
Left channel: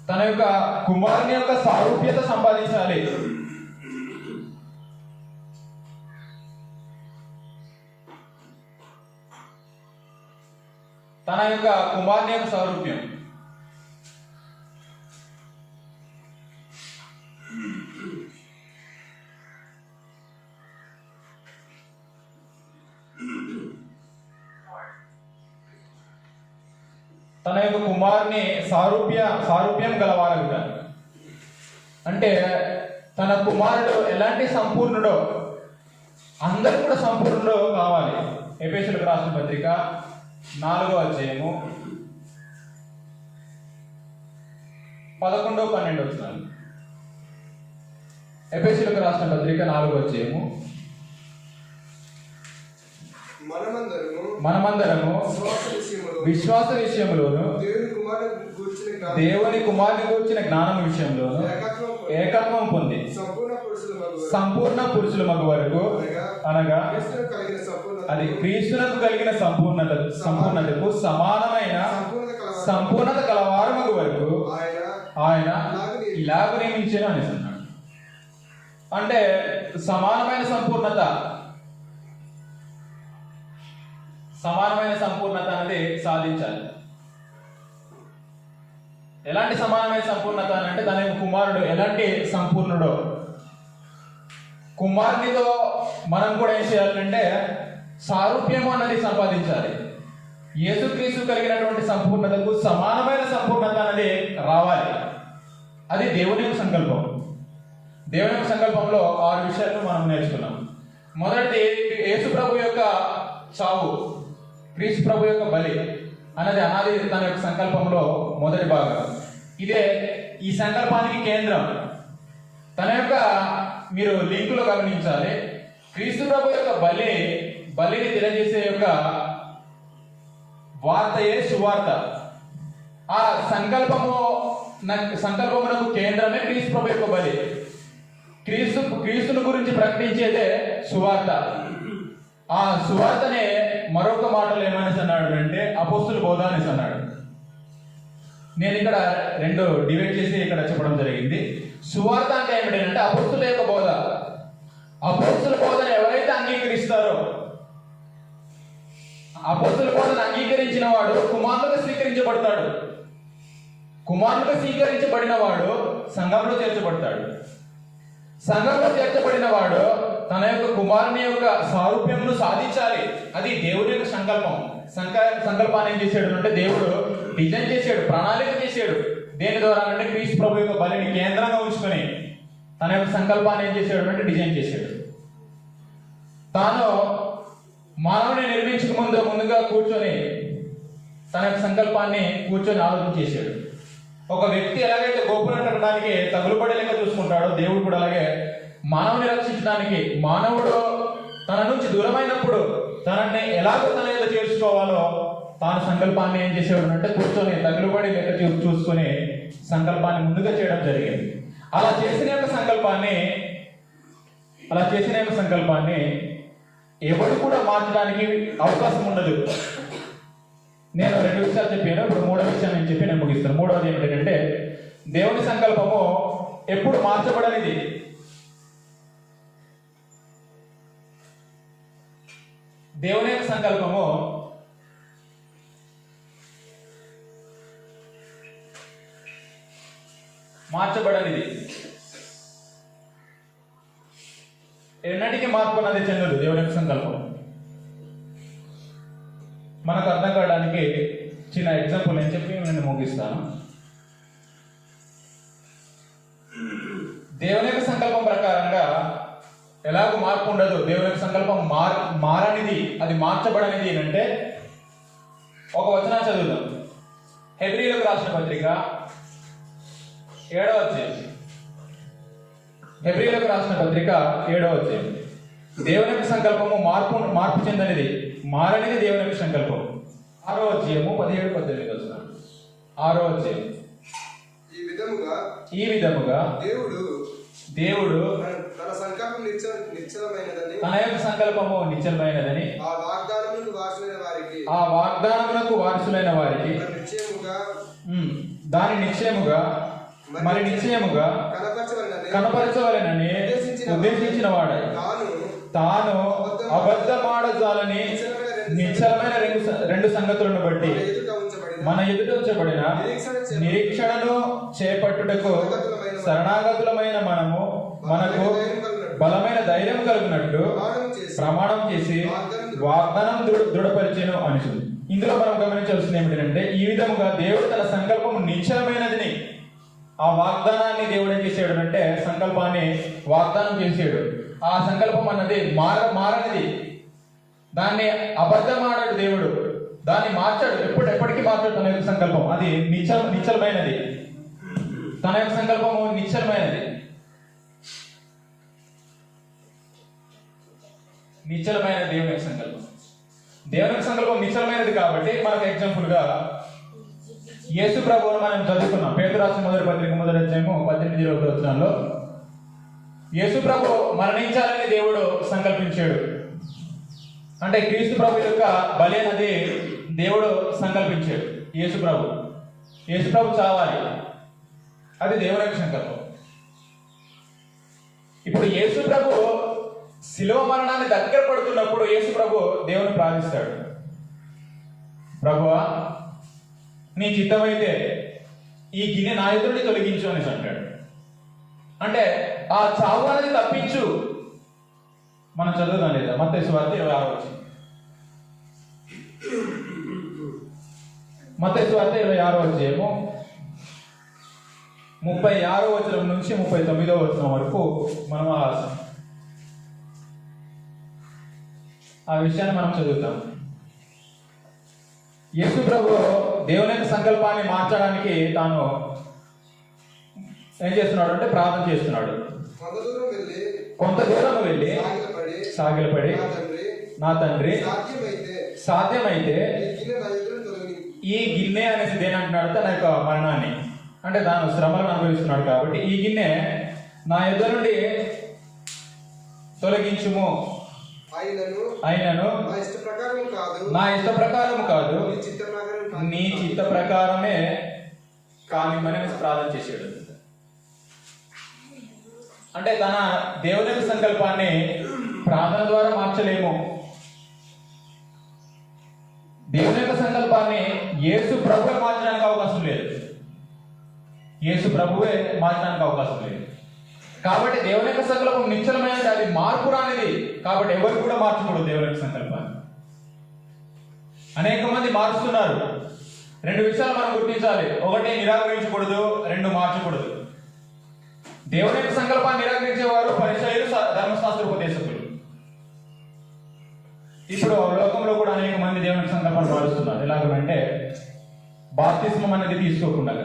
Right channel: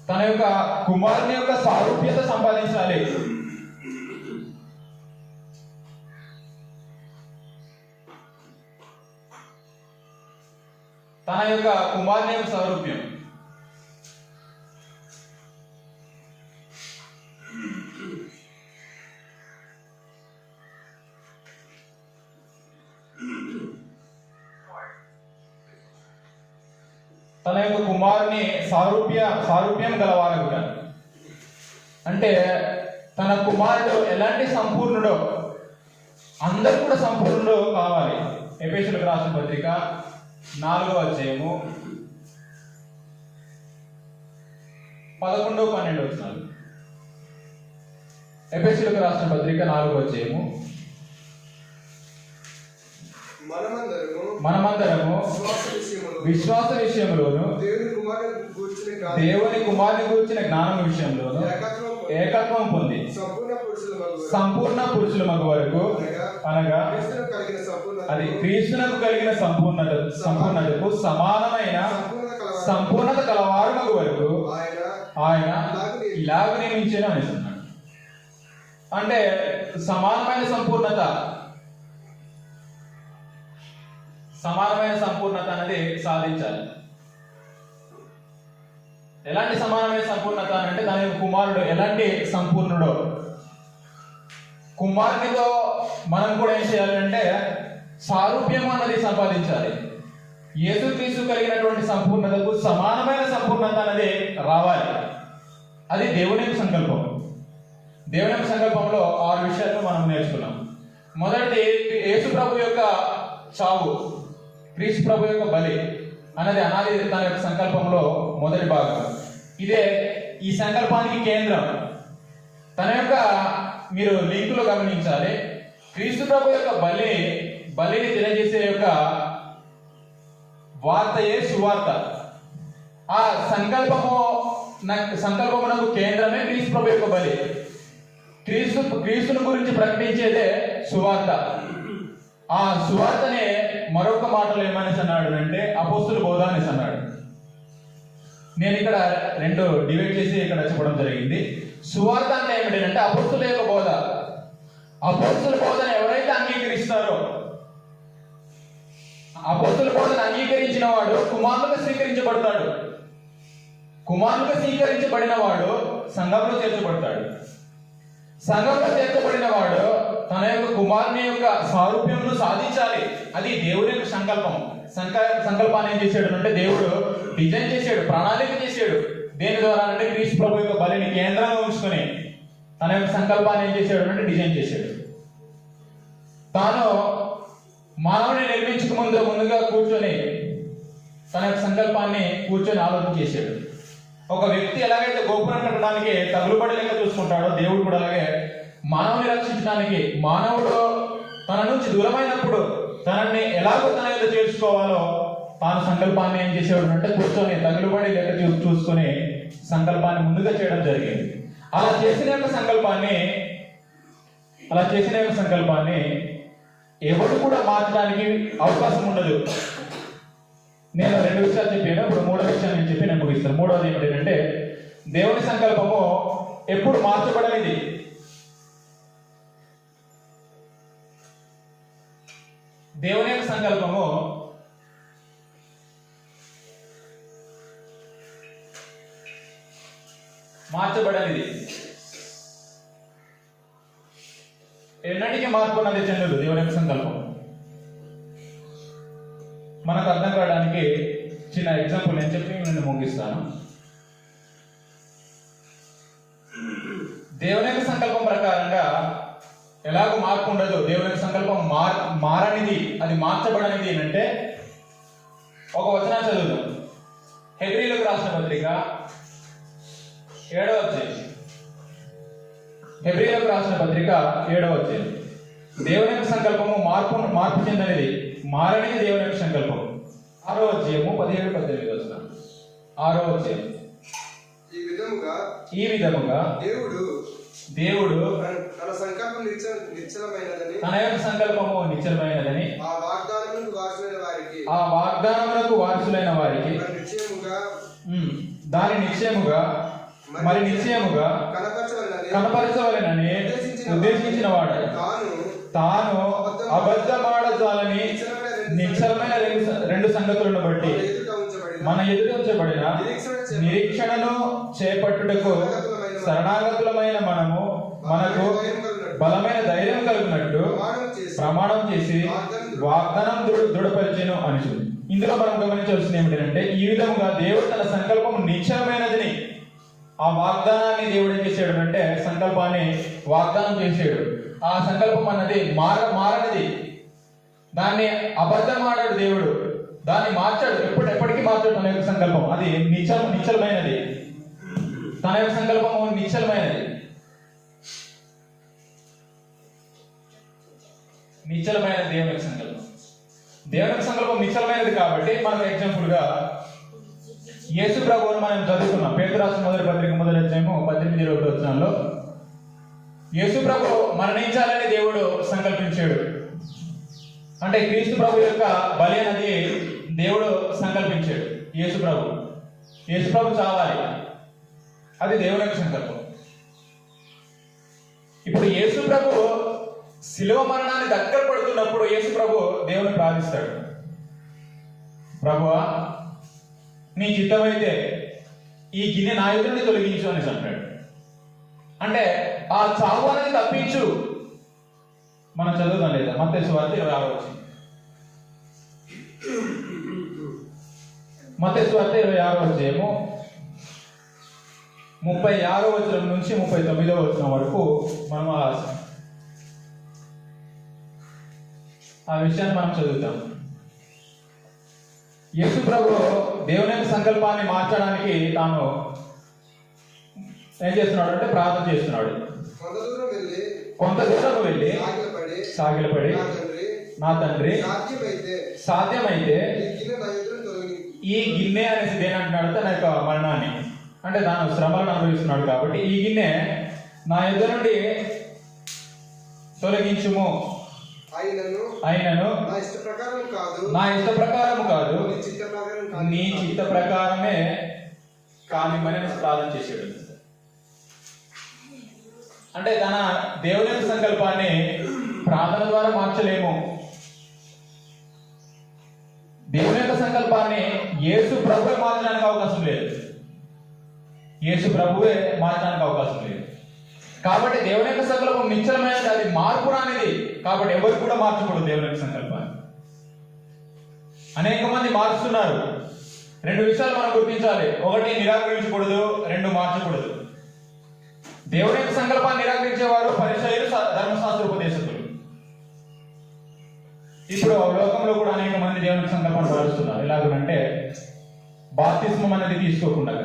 తన యొక్క కుమారుని యొక్క సారూప్యత సంపాదించాలి. తన యొక్క కుమారుని యొక్క సారూప్యం. తన యొక్క కుమారుని సారూప్యం గలవారగుట. అంటే తన కుమారుడు ఎలాంటి సంపూర్ణుడో అందరూ కూడా సంపూర్ణుడు కావాలి. ఎఫెసీయులకు రాసిన పత్రిక 4వ అధ్యాయము 11, 12 వచనాలు. ఎఫెసీయులకు రాసిన పత్రిక 4వ అధ్యాయము. మనమందరము విశ్వాస విషయంలోను దేవుని కుమారుని గూర్చిన జ్ఞానం విషయంలోను ఏకత్వం పొంది సంపూర్ణ పురుషుల మగ వరకు, అనగా అది క్రీస్తునకు కలిగిన సంపూర్ణతకు సమానమైన సంపూర్ణత కలవారు మగ వరకు ఆయన ఇలాగ నియమించిన అనేసి అన్నాడు. అంటే సమానమైన సంపూర్ణత అనేది సాధించాలి. ఎలాంటి సమానమైన సంపూర్ణత అంటే తన యొక్క కుమారుడు ఎలాంటి సంపూర్ణుడో, కుమారునితో మనం కూడా ఏం చేయాలంటే సారూప్యం అన్నది సంపాదించాలి. యేసుక్రీస్తు కలిగినటువంటి సంపూర్ణతకు సమానమైన సంపూర్ణత అనేది రావాలి. అది దేవుని యొక్క సంకల్పం. దేవుని యొక్క సంకల్పంలో 6 విషయాలను మనం నేర్చుకున్నాం. మొదటిది యేసు ప్రభు యొక్క చావు, క్రీస్తు ప్రభు యొక్క బలి అనేది అనాది తన యొక్క సంకల్పంలో మొదటి భాగం. ఇదే ఈ సంకల్పానికి కేంద్రం. తన యొక్క మీరు లింకులో గమనించాలి. క్రీస్తు ప్రభు యొక్క బలిని తెలియజేసే యొక్క వార్తయే సువార్త. ఆ సంకల్పమునకు కేంద్రమే క్రీస్తు ప్రభు యొక్క బలి. క్రీస్తుని గురించి ప్రకటించేదే సువార్త. ఆ సువార్తనే మరొక మాటలు ఏమని అన్నాడు అంటే అపోస్తుల బోధ అనేసి అన్నాడు. నేను ఇక్కడ 2 డివైడ్ చేసి ఇక్కడ చెప్పడం జరిగింది. సువార్త అంటే ఏమిటంటే అపోస్తుల యొక్క బోధ. అపోస్తుల బోధను ఎవరైతే అంగీకరిస్తారో, అపోస్తుల బోధను అంగీకరించిన వాడు కుమారులుగా స్వీకరించబడతాడు. కుమారులుగా స్వీకరించబడిన వాడు సంఘంలో చేర్చబడతాడు. సంఘంలో చేర్చబడిన వాడు తన యొక్క కుమారుని యొక్క సారూప్యంను సాధించాలి. అది దేవుడి యొక్క సంకల్పం. సంకల్పాన్ని ఏం చేశాడు అంటే దేవుడు డిజైన్ చేశాడు, ప్రణాళిక చేశాడు. దేని ద్వారా అంటే క్రీస్తు ప్రభు యొక్క బలిని కేంద్రంగా ఉంచుకొని తన యొక్క సంకల్పాన్ని ఏం చేశాడు అంటే డిజైన్ చేశాడు. తాను మానవుని నిర్మించక ముందుగా కూర్చొని తన యొక్క సంకల్పాన్ని ఆలోచన చేశాడు. ఒక వ్యక్తి ఎలాగైతే గోపురం కట్టడానికి తగులుబడి లెక్క చూసుకుంటాడో, దేవుడు కూడా అలాగే మానవుని రక్షించడానికి మానవుడు తన నుంచి దూరమైనప్పుడు తనని ఎలాగో తన మీద చేర్చుకోవాలో తాను సంకల్పాన్ని ఏం చేసేవాడు అంటే కూర్చొని తగులుబడి లెక్క చూసుకుని సంకల్పాన్ని ముందుగా చేయడం జరిగింది. అలా చేసిన సంకల్పాన్ని ఎవరు కూడా మార్చడానికి అవకాశం ఉండదు. నేను 2 విషయాలు చెప్పాను. ఇప్పుడు 3వ విషయం నేను చెప్పి నేను ముగిస్తాను. 3వది ఏమిటంటే దేవుని సంకల్పము ఎప్పుడు మార్చబడనిది. దేవుని సంకల్పము మార్చబడనిది. ఎన్నటికీ మార్పు అన్నది చెందదు. దేవుని సంకల్పం మనకు అర్థం కావడానికి చిన్న ఎగ్జాంపుల్ నేను చెప్పి నేను ముగిస్తాను. దేవుని యొక్క సంకల్పం ప్రకారంగా ఎలాగో మార్పు ఉండదు. దేవుని యొక్క సంకల్పం మారనిది, అది మార్చబడనిది ఏంటంటే ఒక వచనం చదువుదాం. హెబ్రీయులకు రాసిన పత్రిక 7వ అధ్యాయం. హెబ్రీయులకు రాసిన పత్రిక 7వ అధ్యాయం. దేవుని యొక్క సంకల్పము మార్పు చెందనిది, మారనిది దేవుని యొక్క సంకల్పం. 6వ అధ్యాయము 17-18 వచనం. 6వ అధ్యాయం. ఈ విధముగా దేవుడు తన సంకల్పం నిశ్చలమైనదని, తన యొక్క సంకల్పము నిశ్చలమైనదని ఆ వాగ్దానములకు వారసులైన వారికి దాని నిశ్చయముగా కనపరచవలెనని ఉద్దేశించిన వాడు తాను అబద్ధమాడజాలని నిశ్చలమైన 2 సంగతులను బట్టి మన ఎదుట ఉంచబడిన నిరీక్షణను చేపట్టుటకు శరణాగతులమైన మనకు బలమైన ధైర్యం కలిగినట్టు ప్రమాణం చేసి వాగ్దానం దృఢపరిచెను అని చూడు. ఇందులో మనం గమనించాల్సింది ఏమిటంటే ఈ విధముగా దేవుడు తన సంకల్పం నిశ్చలమైనదని, ఆ వాగ్దానాన్ని దేవుడు ఏం చేశాడు అంటే సంకల్పాన్ని వాగ్దానం చేసాడు. ఆ సంకల్పం అన్నది మారనిది, దాన్ని అబద్ధం ఆడాడు దేవుడు, దాన్ని మార్చాడు. ఎప్పటికీ మార్చాడు తన యొక్క సంకల్పం. అది నిశ్చలమైనది, తన యొక్క సంకల్పము నిశ్చలమైనది. నిశ్చలమైన దేవుని యొక్క సంకల్పం, దేవుని యొక్క సంకల్పం నిశ్చలమైనది. కాబట్టి మనకు ఎగ్జాంపుల్ గా యేసు ప్రభువును మనం చదువుకున్నాం. పేతురు రాసిన మొదటి పత్రిక 1:18 యేసు ప్రభు మరణించాలని దేవుడు సంకల్పించాడు. అంటే క్రీస్తు ప్రభు యొక్క బలి అనేది దేవుడు సంకల్పించాడు. యేసు ప్రభు చావాలి, అది దేవుని యొక్క సంకల్పం. ఇప్పుడు యేసు ప్రభు శిలువ మరణాన్ని దగ్గర పడుతున్నప్పుడు యేసు ప్రభు దేవుని ప్రార్థిస్తాడు, ప్రభువా నీ చిత్తమైతే ఈ గిన్నె నా ఎదురు నుండి తొలగించు అని అంటాడు. అంటే ఆ చావు అనేది తప్పించు. మనం చదువుదాం లేదా మత్తయి సువార్త 26 మత్తయి సువార్త 26 36 నుంచి 39 వరకు మనం ఆ విషయాన్ని మనం చదువుతాం. యేసు ప్రభు దేవుని యొక్క సంకల్పాన్ని మార్చడానికి తాను ఏం చేస్తున్నాడు అంటే ప్రార్థన చేస్తున్నాడు. కొంత దూరం వెళ్ళి సాగిలపడి నా తండ్రి సాధ్యమైతే ఈ గిన్నె అనేసి దేని అంటున్నాడు, తన యొక్క మరణాన్ని, అంటే దాని శ్రమలను అనుభవిస్తున్నాడు కాబట్టి ఈ గిన్నె నా ఎదురు నుండి తొలగించుము, అయినను నా ఇష్ట ప్రకారము కాదు నీ చిత్త ప్రకారమే కానిమని ప్రార్థన చేశాడు. అంటే తన దేవుని యొక్క సంకల్పాన్ని ప్రార్థన ద్వారా మార్చలేము. దేవుని యొక్క సంకల్పాన్ని యేసు ప్రభువే మార్చడానికి అవకాశం లేదు. కాబట్టి దేవుని యొక్క సంకల్పం నిశ్చలమైనది, అది మార్పు రానిది. కాబట్టి ఎవరు కూడా మార్చకూడదు దేవుని యొక్క సంకల్పాన్ని. అనేక మంది మారుస్తున్నారు. 2 విషయాలు మనం గుర్తించాలి. 1 నిరాకరించకూడదు, 2 మార్చకూడదు. దేవుని యొక్క సంకల్పాన్ని నిరాకరించేవారు పరిసయ్యులు, ధర్మశాస్త్ర ఉపదేశకులు. ఇప్పుడు లోకంలో కూడా అనేక మంది దేవుని యొక్క సంకల్పాన్ని మారుస్తున్నారు. ఎలాగంటే బాప్తిస్మం అనేది తీసుకోకుండా,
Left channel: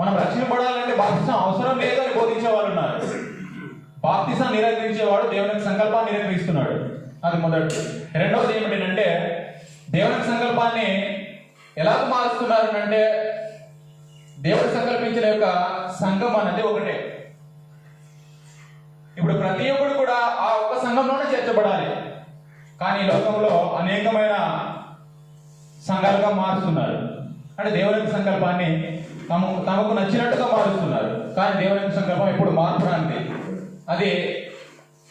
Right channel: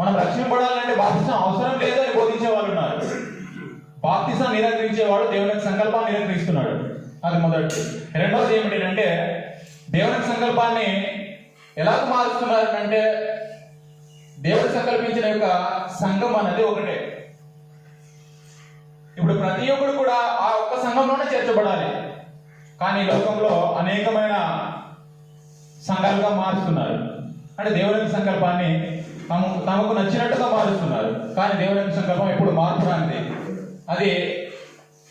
మనం రక్షింపడాలంటే బాప్తిసం అవసరం లేదని బోధించే వాళ్ళు ఉన్నారు. బాప్తిసం నిరాకరించేవాడు దేవుని యొక్క సంకల్పాన్ని నిరాకరిస్తున్నాడు. అది మొదటి. రెండవది ఏమిటంటే దేవుని సంకల్పాన్ని ఎలా మారుస్తున్నారు అంటే దేవుడు సంకల్పించిన యొక్క సంఘం అనేది ఒకటే. ఇప్పుడు ప్రతి ఒక్కరు కూడా ఆ ఒక్క సంఘంలోనే చేర్చబడాలి. కానీ లోకంలో అనేకమైన సంఘాలుగా మారుస్తున్నారు. అంటే దేవుని సంకల్పాన్ని తమకు నచ్చినట్టుగా మారుస్తున్నారు. కానీ దేవుని సంకల్పం ఎప్పుడు మార్చడానికి, అది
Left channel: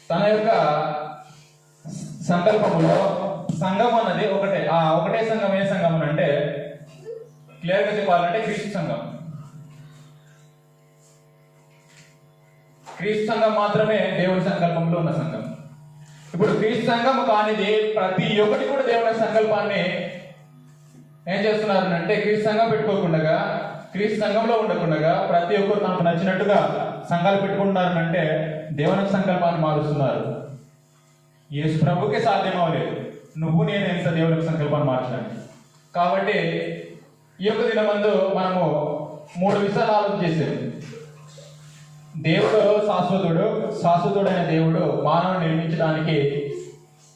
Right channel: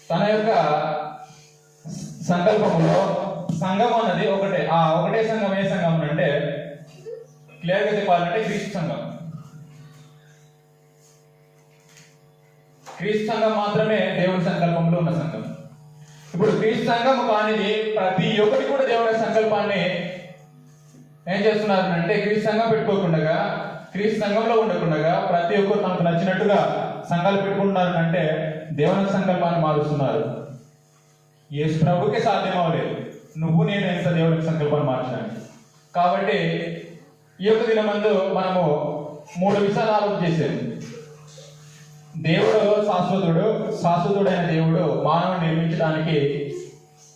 తన యొక్క సంకల్పంలో సంఘం అన్నది ఒకటే. ఆ ఒకటే సంఘం ఏ సంఘం అంటే క్లియర్గా చెప్పాలంటే క్రీస్తు సంఘం. క్రీస్తు సంఘం మాత్రమే దేవుని సంకల్పంలో ఉన్న సంఘం. ఇప్పుడు క్రీస్తు సంఘం కానిది ప్రతి ఒక్కటి కూడా దేవుని సంకల్పాన్ని ఏం చేస్తున్నారు అంటే క్రీస్తు సంఘం పెట్టుకోకుండా, క్రీస్తు సంఘంలో ఉండకుండా ప్రతి ఒక్కరు తనకు నచ్చినట్టుగా సంఘాలు పెట్టుకుంటున్నారు అంటే దేవుని సంకల్పాన్ని మారుస్తున్నారు. యేసు ప్రభుకే సాధ్యం అవ్వలేదు, నువ్వు నేను ఎంత దేవుని సంకల్పాన్ని మార్చడానికి. కాబట్టి ఈ యొక్క దినమందు మనము 3 విషయాలు ఆలోచన చేసేది. దేవుడు శాశ్వతుడైన దేవుడు మానవుని నిర్మించడానికి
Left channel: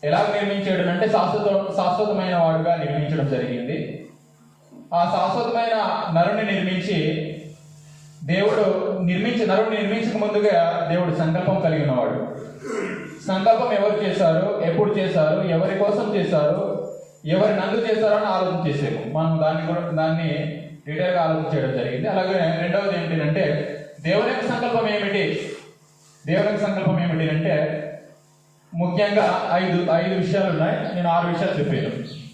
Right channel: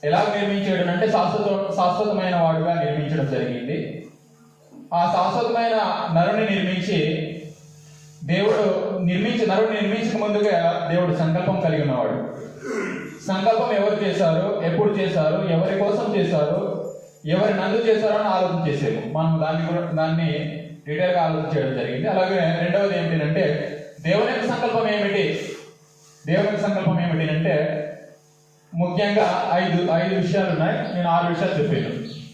ఎలా నిర్మించాడు అంటే శాశ్వతమైన వాడుగా నిర్మించడం జరిగింది. ఆ శాశ్వతమైన నరుని నిర్మించి నరుని నిర్మించక ముందుగా దేవుడు సంకల్పం కలిగి ఉన్నవాడు. సంకల్పం ఎవరు చేశారు, ఎప్పుడు చేశారు, ఎవరి కోసం చేశారు, ఎవరి నందు చేశారో అని ఆలోచన చేశారు. మనం దాన్ని డీటెయిల్గా ఆలోచన చేయడం జరిగింది. అలాగే రెండవది ఏమిటంటే దేవుని యొక్క సంకల్పం ఏమిటి అంటే ముఖ్యంగా 5 విషయాలు ఉన్నాయి. నేను 6 విషయాలు చెప్పాను.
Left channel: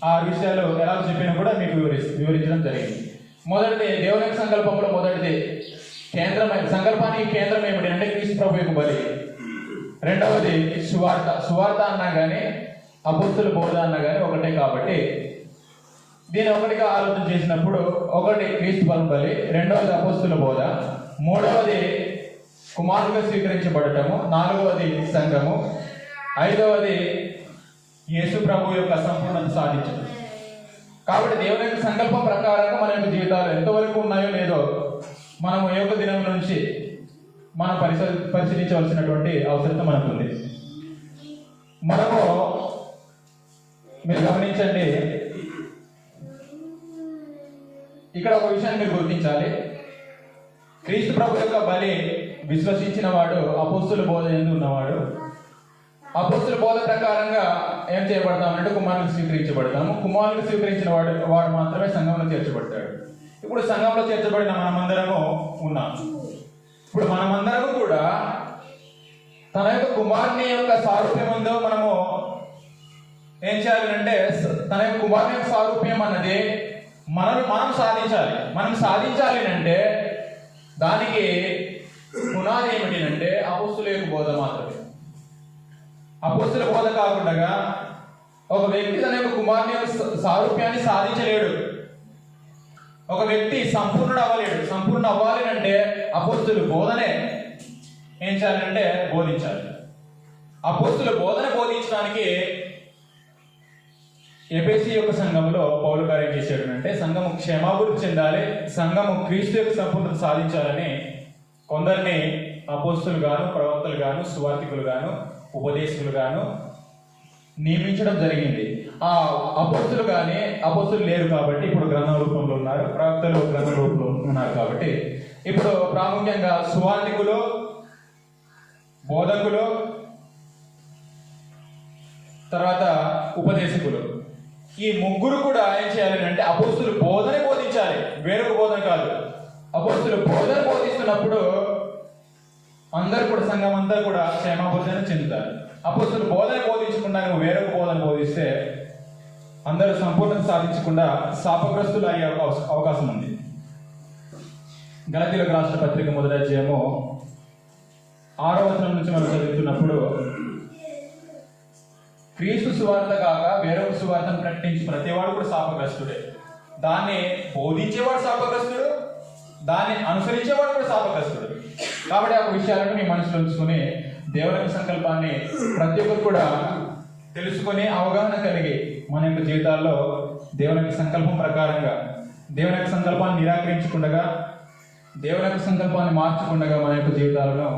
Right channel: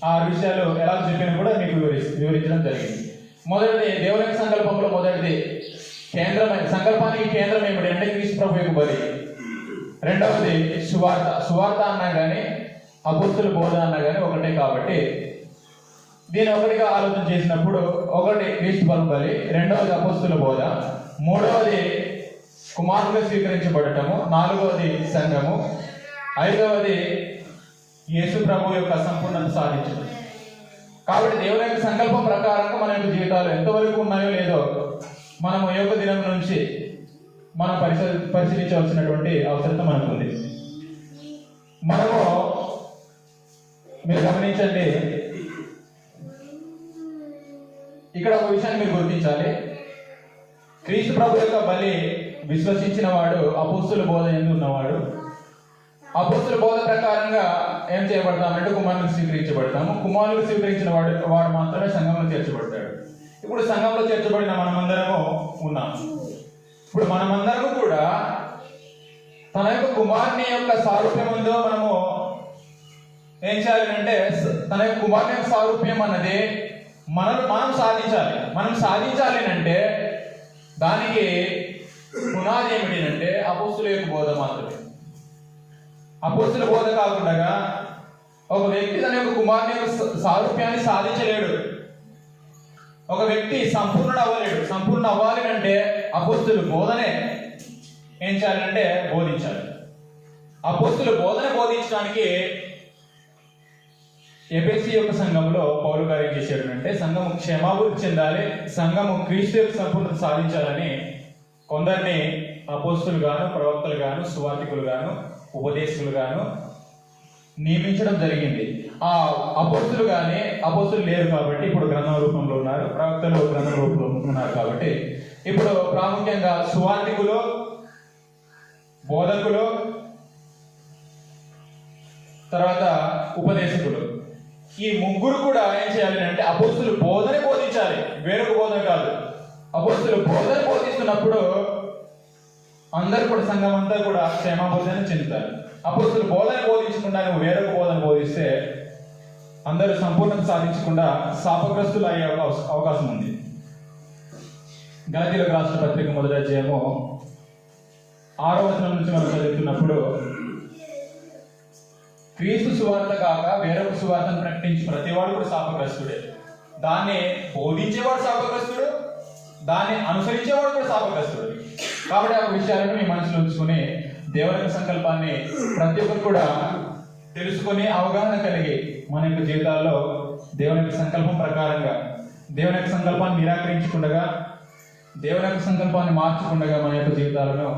6 విషయాలు ఎలా చెప్పాను కూడా మీకు వివరించడం జరిగింది. మొదటిది దేవుని యొక్క సంకల్పంలో మొదటిది సంకల్పానికి కేంద్రం ఏమిటి అంటే క్రీస్తు ప్రభు యొక్క బలి. రెండవది సువార్త. సువార్త అన్నా కానీ అపోస్తుల బోధ అన్నా కానీ ఒకటే కాబట్టి దీని ఒకటిగా ఆలోచన చేసినప్పుడు ఒకటి క్రీస్తు బలి, రెండవది అపోస్తుల బోధ, మూడవది కుమారుగా స్వీకరించబడటము, నాలుగవది సంఘము, ఐదవది యేసు ప్రభు యొక్క సంపూర్ణత సాధించడం. కాబట్టి దేవుని యొక్క సంకల్పం ప్రకారంగా మన యొక్క జీవితాలు ఎంతవరకు ఉన్నాయో లేదో మనం ఏ ఒక్క దినం నుంచి మనం పరిశీలించవలసినటువంటి అవసరం మనకు ఉంది. మనము మీరు గమనించండి, ఇక్కడ ఒక విషయాన్ని మీరు గుర్తించాలి. క్రీస్తు ప్రభు యొక్క బలి విశ్వసించిన వాడు అపోస్తుల బోధ ఎందు ఉన్నవాడు. అపోస్తుల బోధ ప్రకారంగా ఏం చేయబడతామంటే కుమారుని స్వీకరించబడతాము. కుమారుని స్వీకరించిన వాడు మాత్రమే సంఘంలో చేర్చబడతాడు. ఇప్పుడు సంఘంలో చేర్చబడిన మనమందరము ఉన్నాం. ఇప్పుడు మనమందరము కూడా తన యొక్క కుమారుని యొక్క సారూప్యం ఉందో మనము ఏం చేయాలంటే తన యొక్క కుమారుని యొక్క సారూప్యం అన్నది మనం సాధించాలి. మనం సాధించాలి అంటే దానికి పునాది ఏమిటి అంటే అపోస్తుల యొక్క బోధ మాత్రమే. అపోస్తుల బోధ కాకుండా ఒక వ్యక్తి తన యొక్క కుమారుని యొక్క సారూప్యాన్ని సాధించలేడు. ఒక వ్యక్తి సంపూర్ణుడు అవ్వలేడు. సంపూర్ణ అవ్వాలి అంటే అపోస్తుల బోధనే ఏం చేయాలంటే బోధించాలి. అపోస్తుల బోధన బోధించడానికి ఎఫెసీ యొక్క సంఘంలో పౌలు గారు ఏం చేశాడు అంటే సంఘము క్షేమాభివృద్ధి చెందాలి, సంఘము క్రీస్తు యొక్క సంపూర్ణత సాధించాలని కొందరిని అపోస్తులు గాను, ప్రవక్తలు గాను, సువార్తికులు గాను, ఉపదేశకులు గాను నియమించడం జరిగింది. ఆ అపోస్తులు కానీ అపోస్తులు లేరు కాబట్టి ఇప్పుడు గ్రంథ రూపంలో ఉన్నారు, ప్రవక్తలు గ్రంథ రూపంలో ఉన్నారు కాబట్టి ఇప్పుడు ప్రాముఖ్యంగా సువార్తికులు, బోధకులు, తర్వాత ఉపదేశకులు, ఈ ముగ్గురు కూడా ఏం చేయాలి అంటే అపోస్తులు బోధన బోధించాలి, వేరొక బోధన కాదు. అపోస్తులు బోధన బోధిస్తున్నప్పుడు అందరూ కూడా సంఘం అంతా కూడా క్షేమ బోధన చెందుతారు. అపోస్తులు బోధన బోధించకుండా వేరొక బోధన బోధిస్తే అందరూ సంపూర్ణత సాధించకుండా శాపగ్రస్తులు అయ్యే అవకాశం ఉంది. గలతీయులకు రాసిన పత్రిక 1వ అధ్యాయము 6వ వచనం నుంచి మనం చదువుతున్నప్పుడు క్రీస్తు సువార్త కాక వేరొక సువార్తను ప్రకటించి ప్రతివాడు కూడా శాపగ్రస్తుడే. దాన్ని బోధించేవాడు శాపగ్రస్తుడు, దాన్ని అనుసరించేవాడు కూడా శాపగ్రస్తుడు. కాబట్టి ఆ విషయాలను మీ మనసులో ఉంచుకుని దేవుని సంకల్పాన్ని ప్రతి ఒక్కరు కూడా తెలుసుకుని అవగాహన కలిగి మన యొక్క జీవితాల్లో దేవుని యొక్క సంకల్పం ప్రకారంగా దేవుని యొక్క సంకల్పాన్ని నిరాకరించకుండా దేవుని యొక్క సంకల్పాన్ని మార్చకుండా మన యొక్క జీవితాలను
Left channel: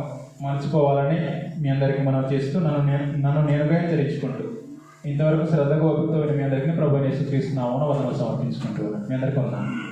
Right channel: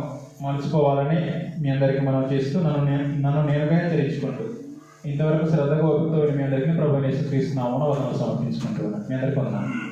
మలుచుకోవాలని మీ అందరికీ మనం చేస్తూ నన్ను నేనుగా హెచ్చరించుకుంటూ ఇంతవరకు శ్రద్ధగా ఓపికతో మీ అందరికీ ప్రభువుని యేసుక్రీస్తు నామమున వందనాలు సమర్పించుకుంటూ మీ అందరికీ వందనాలు.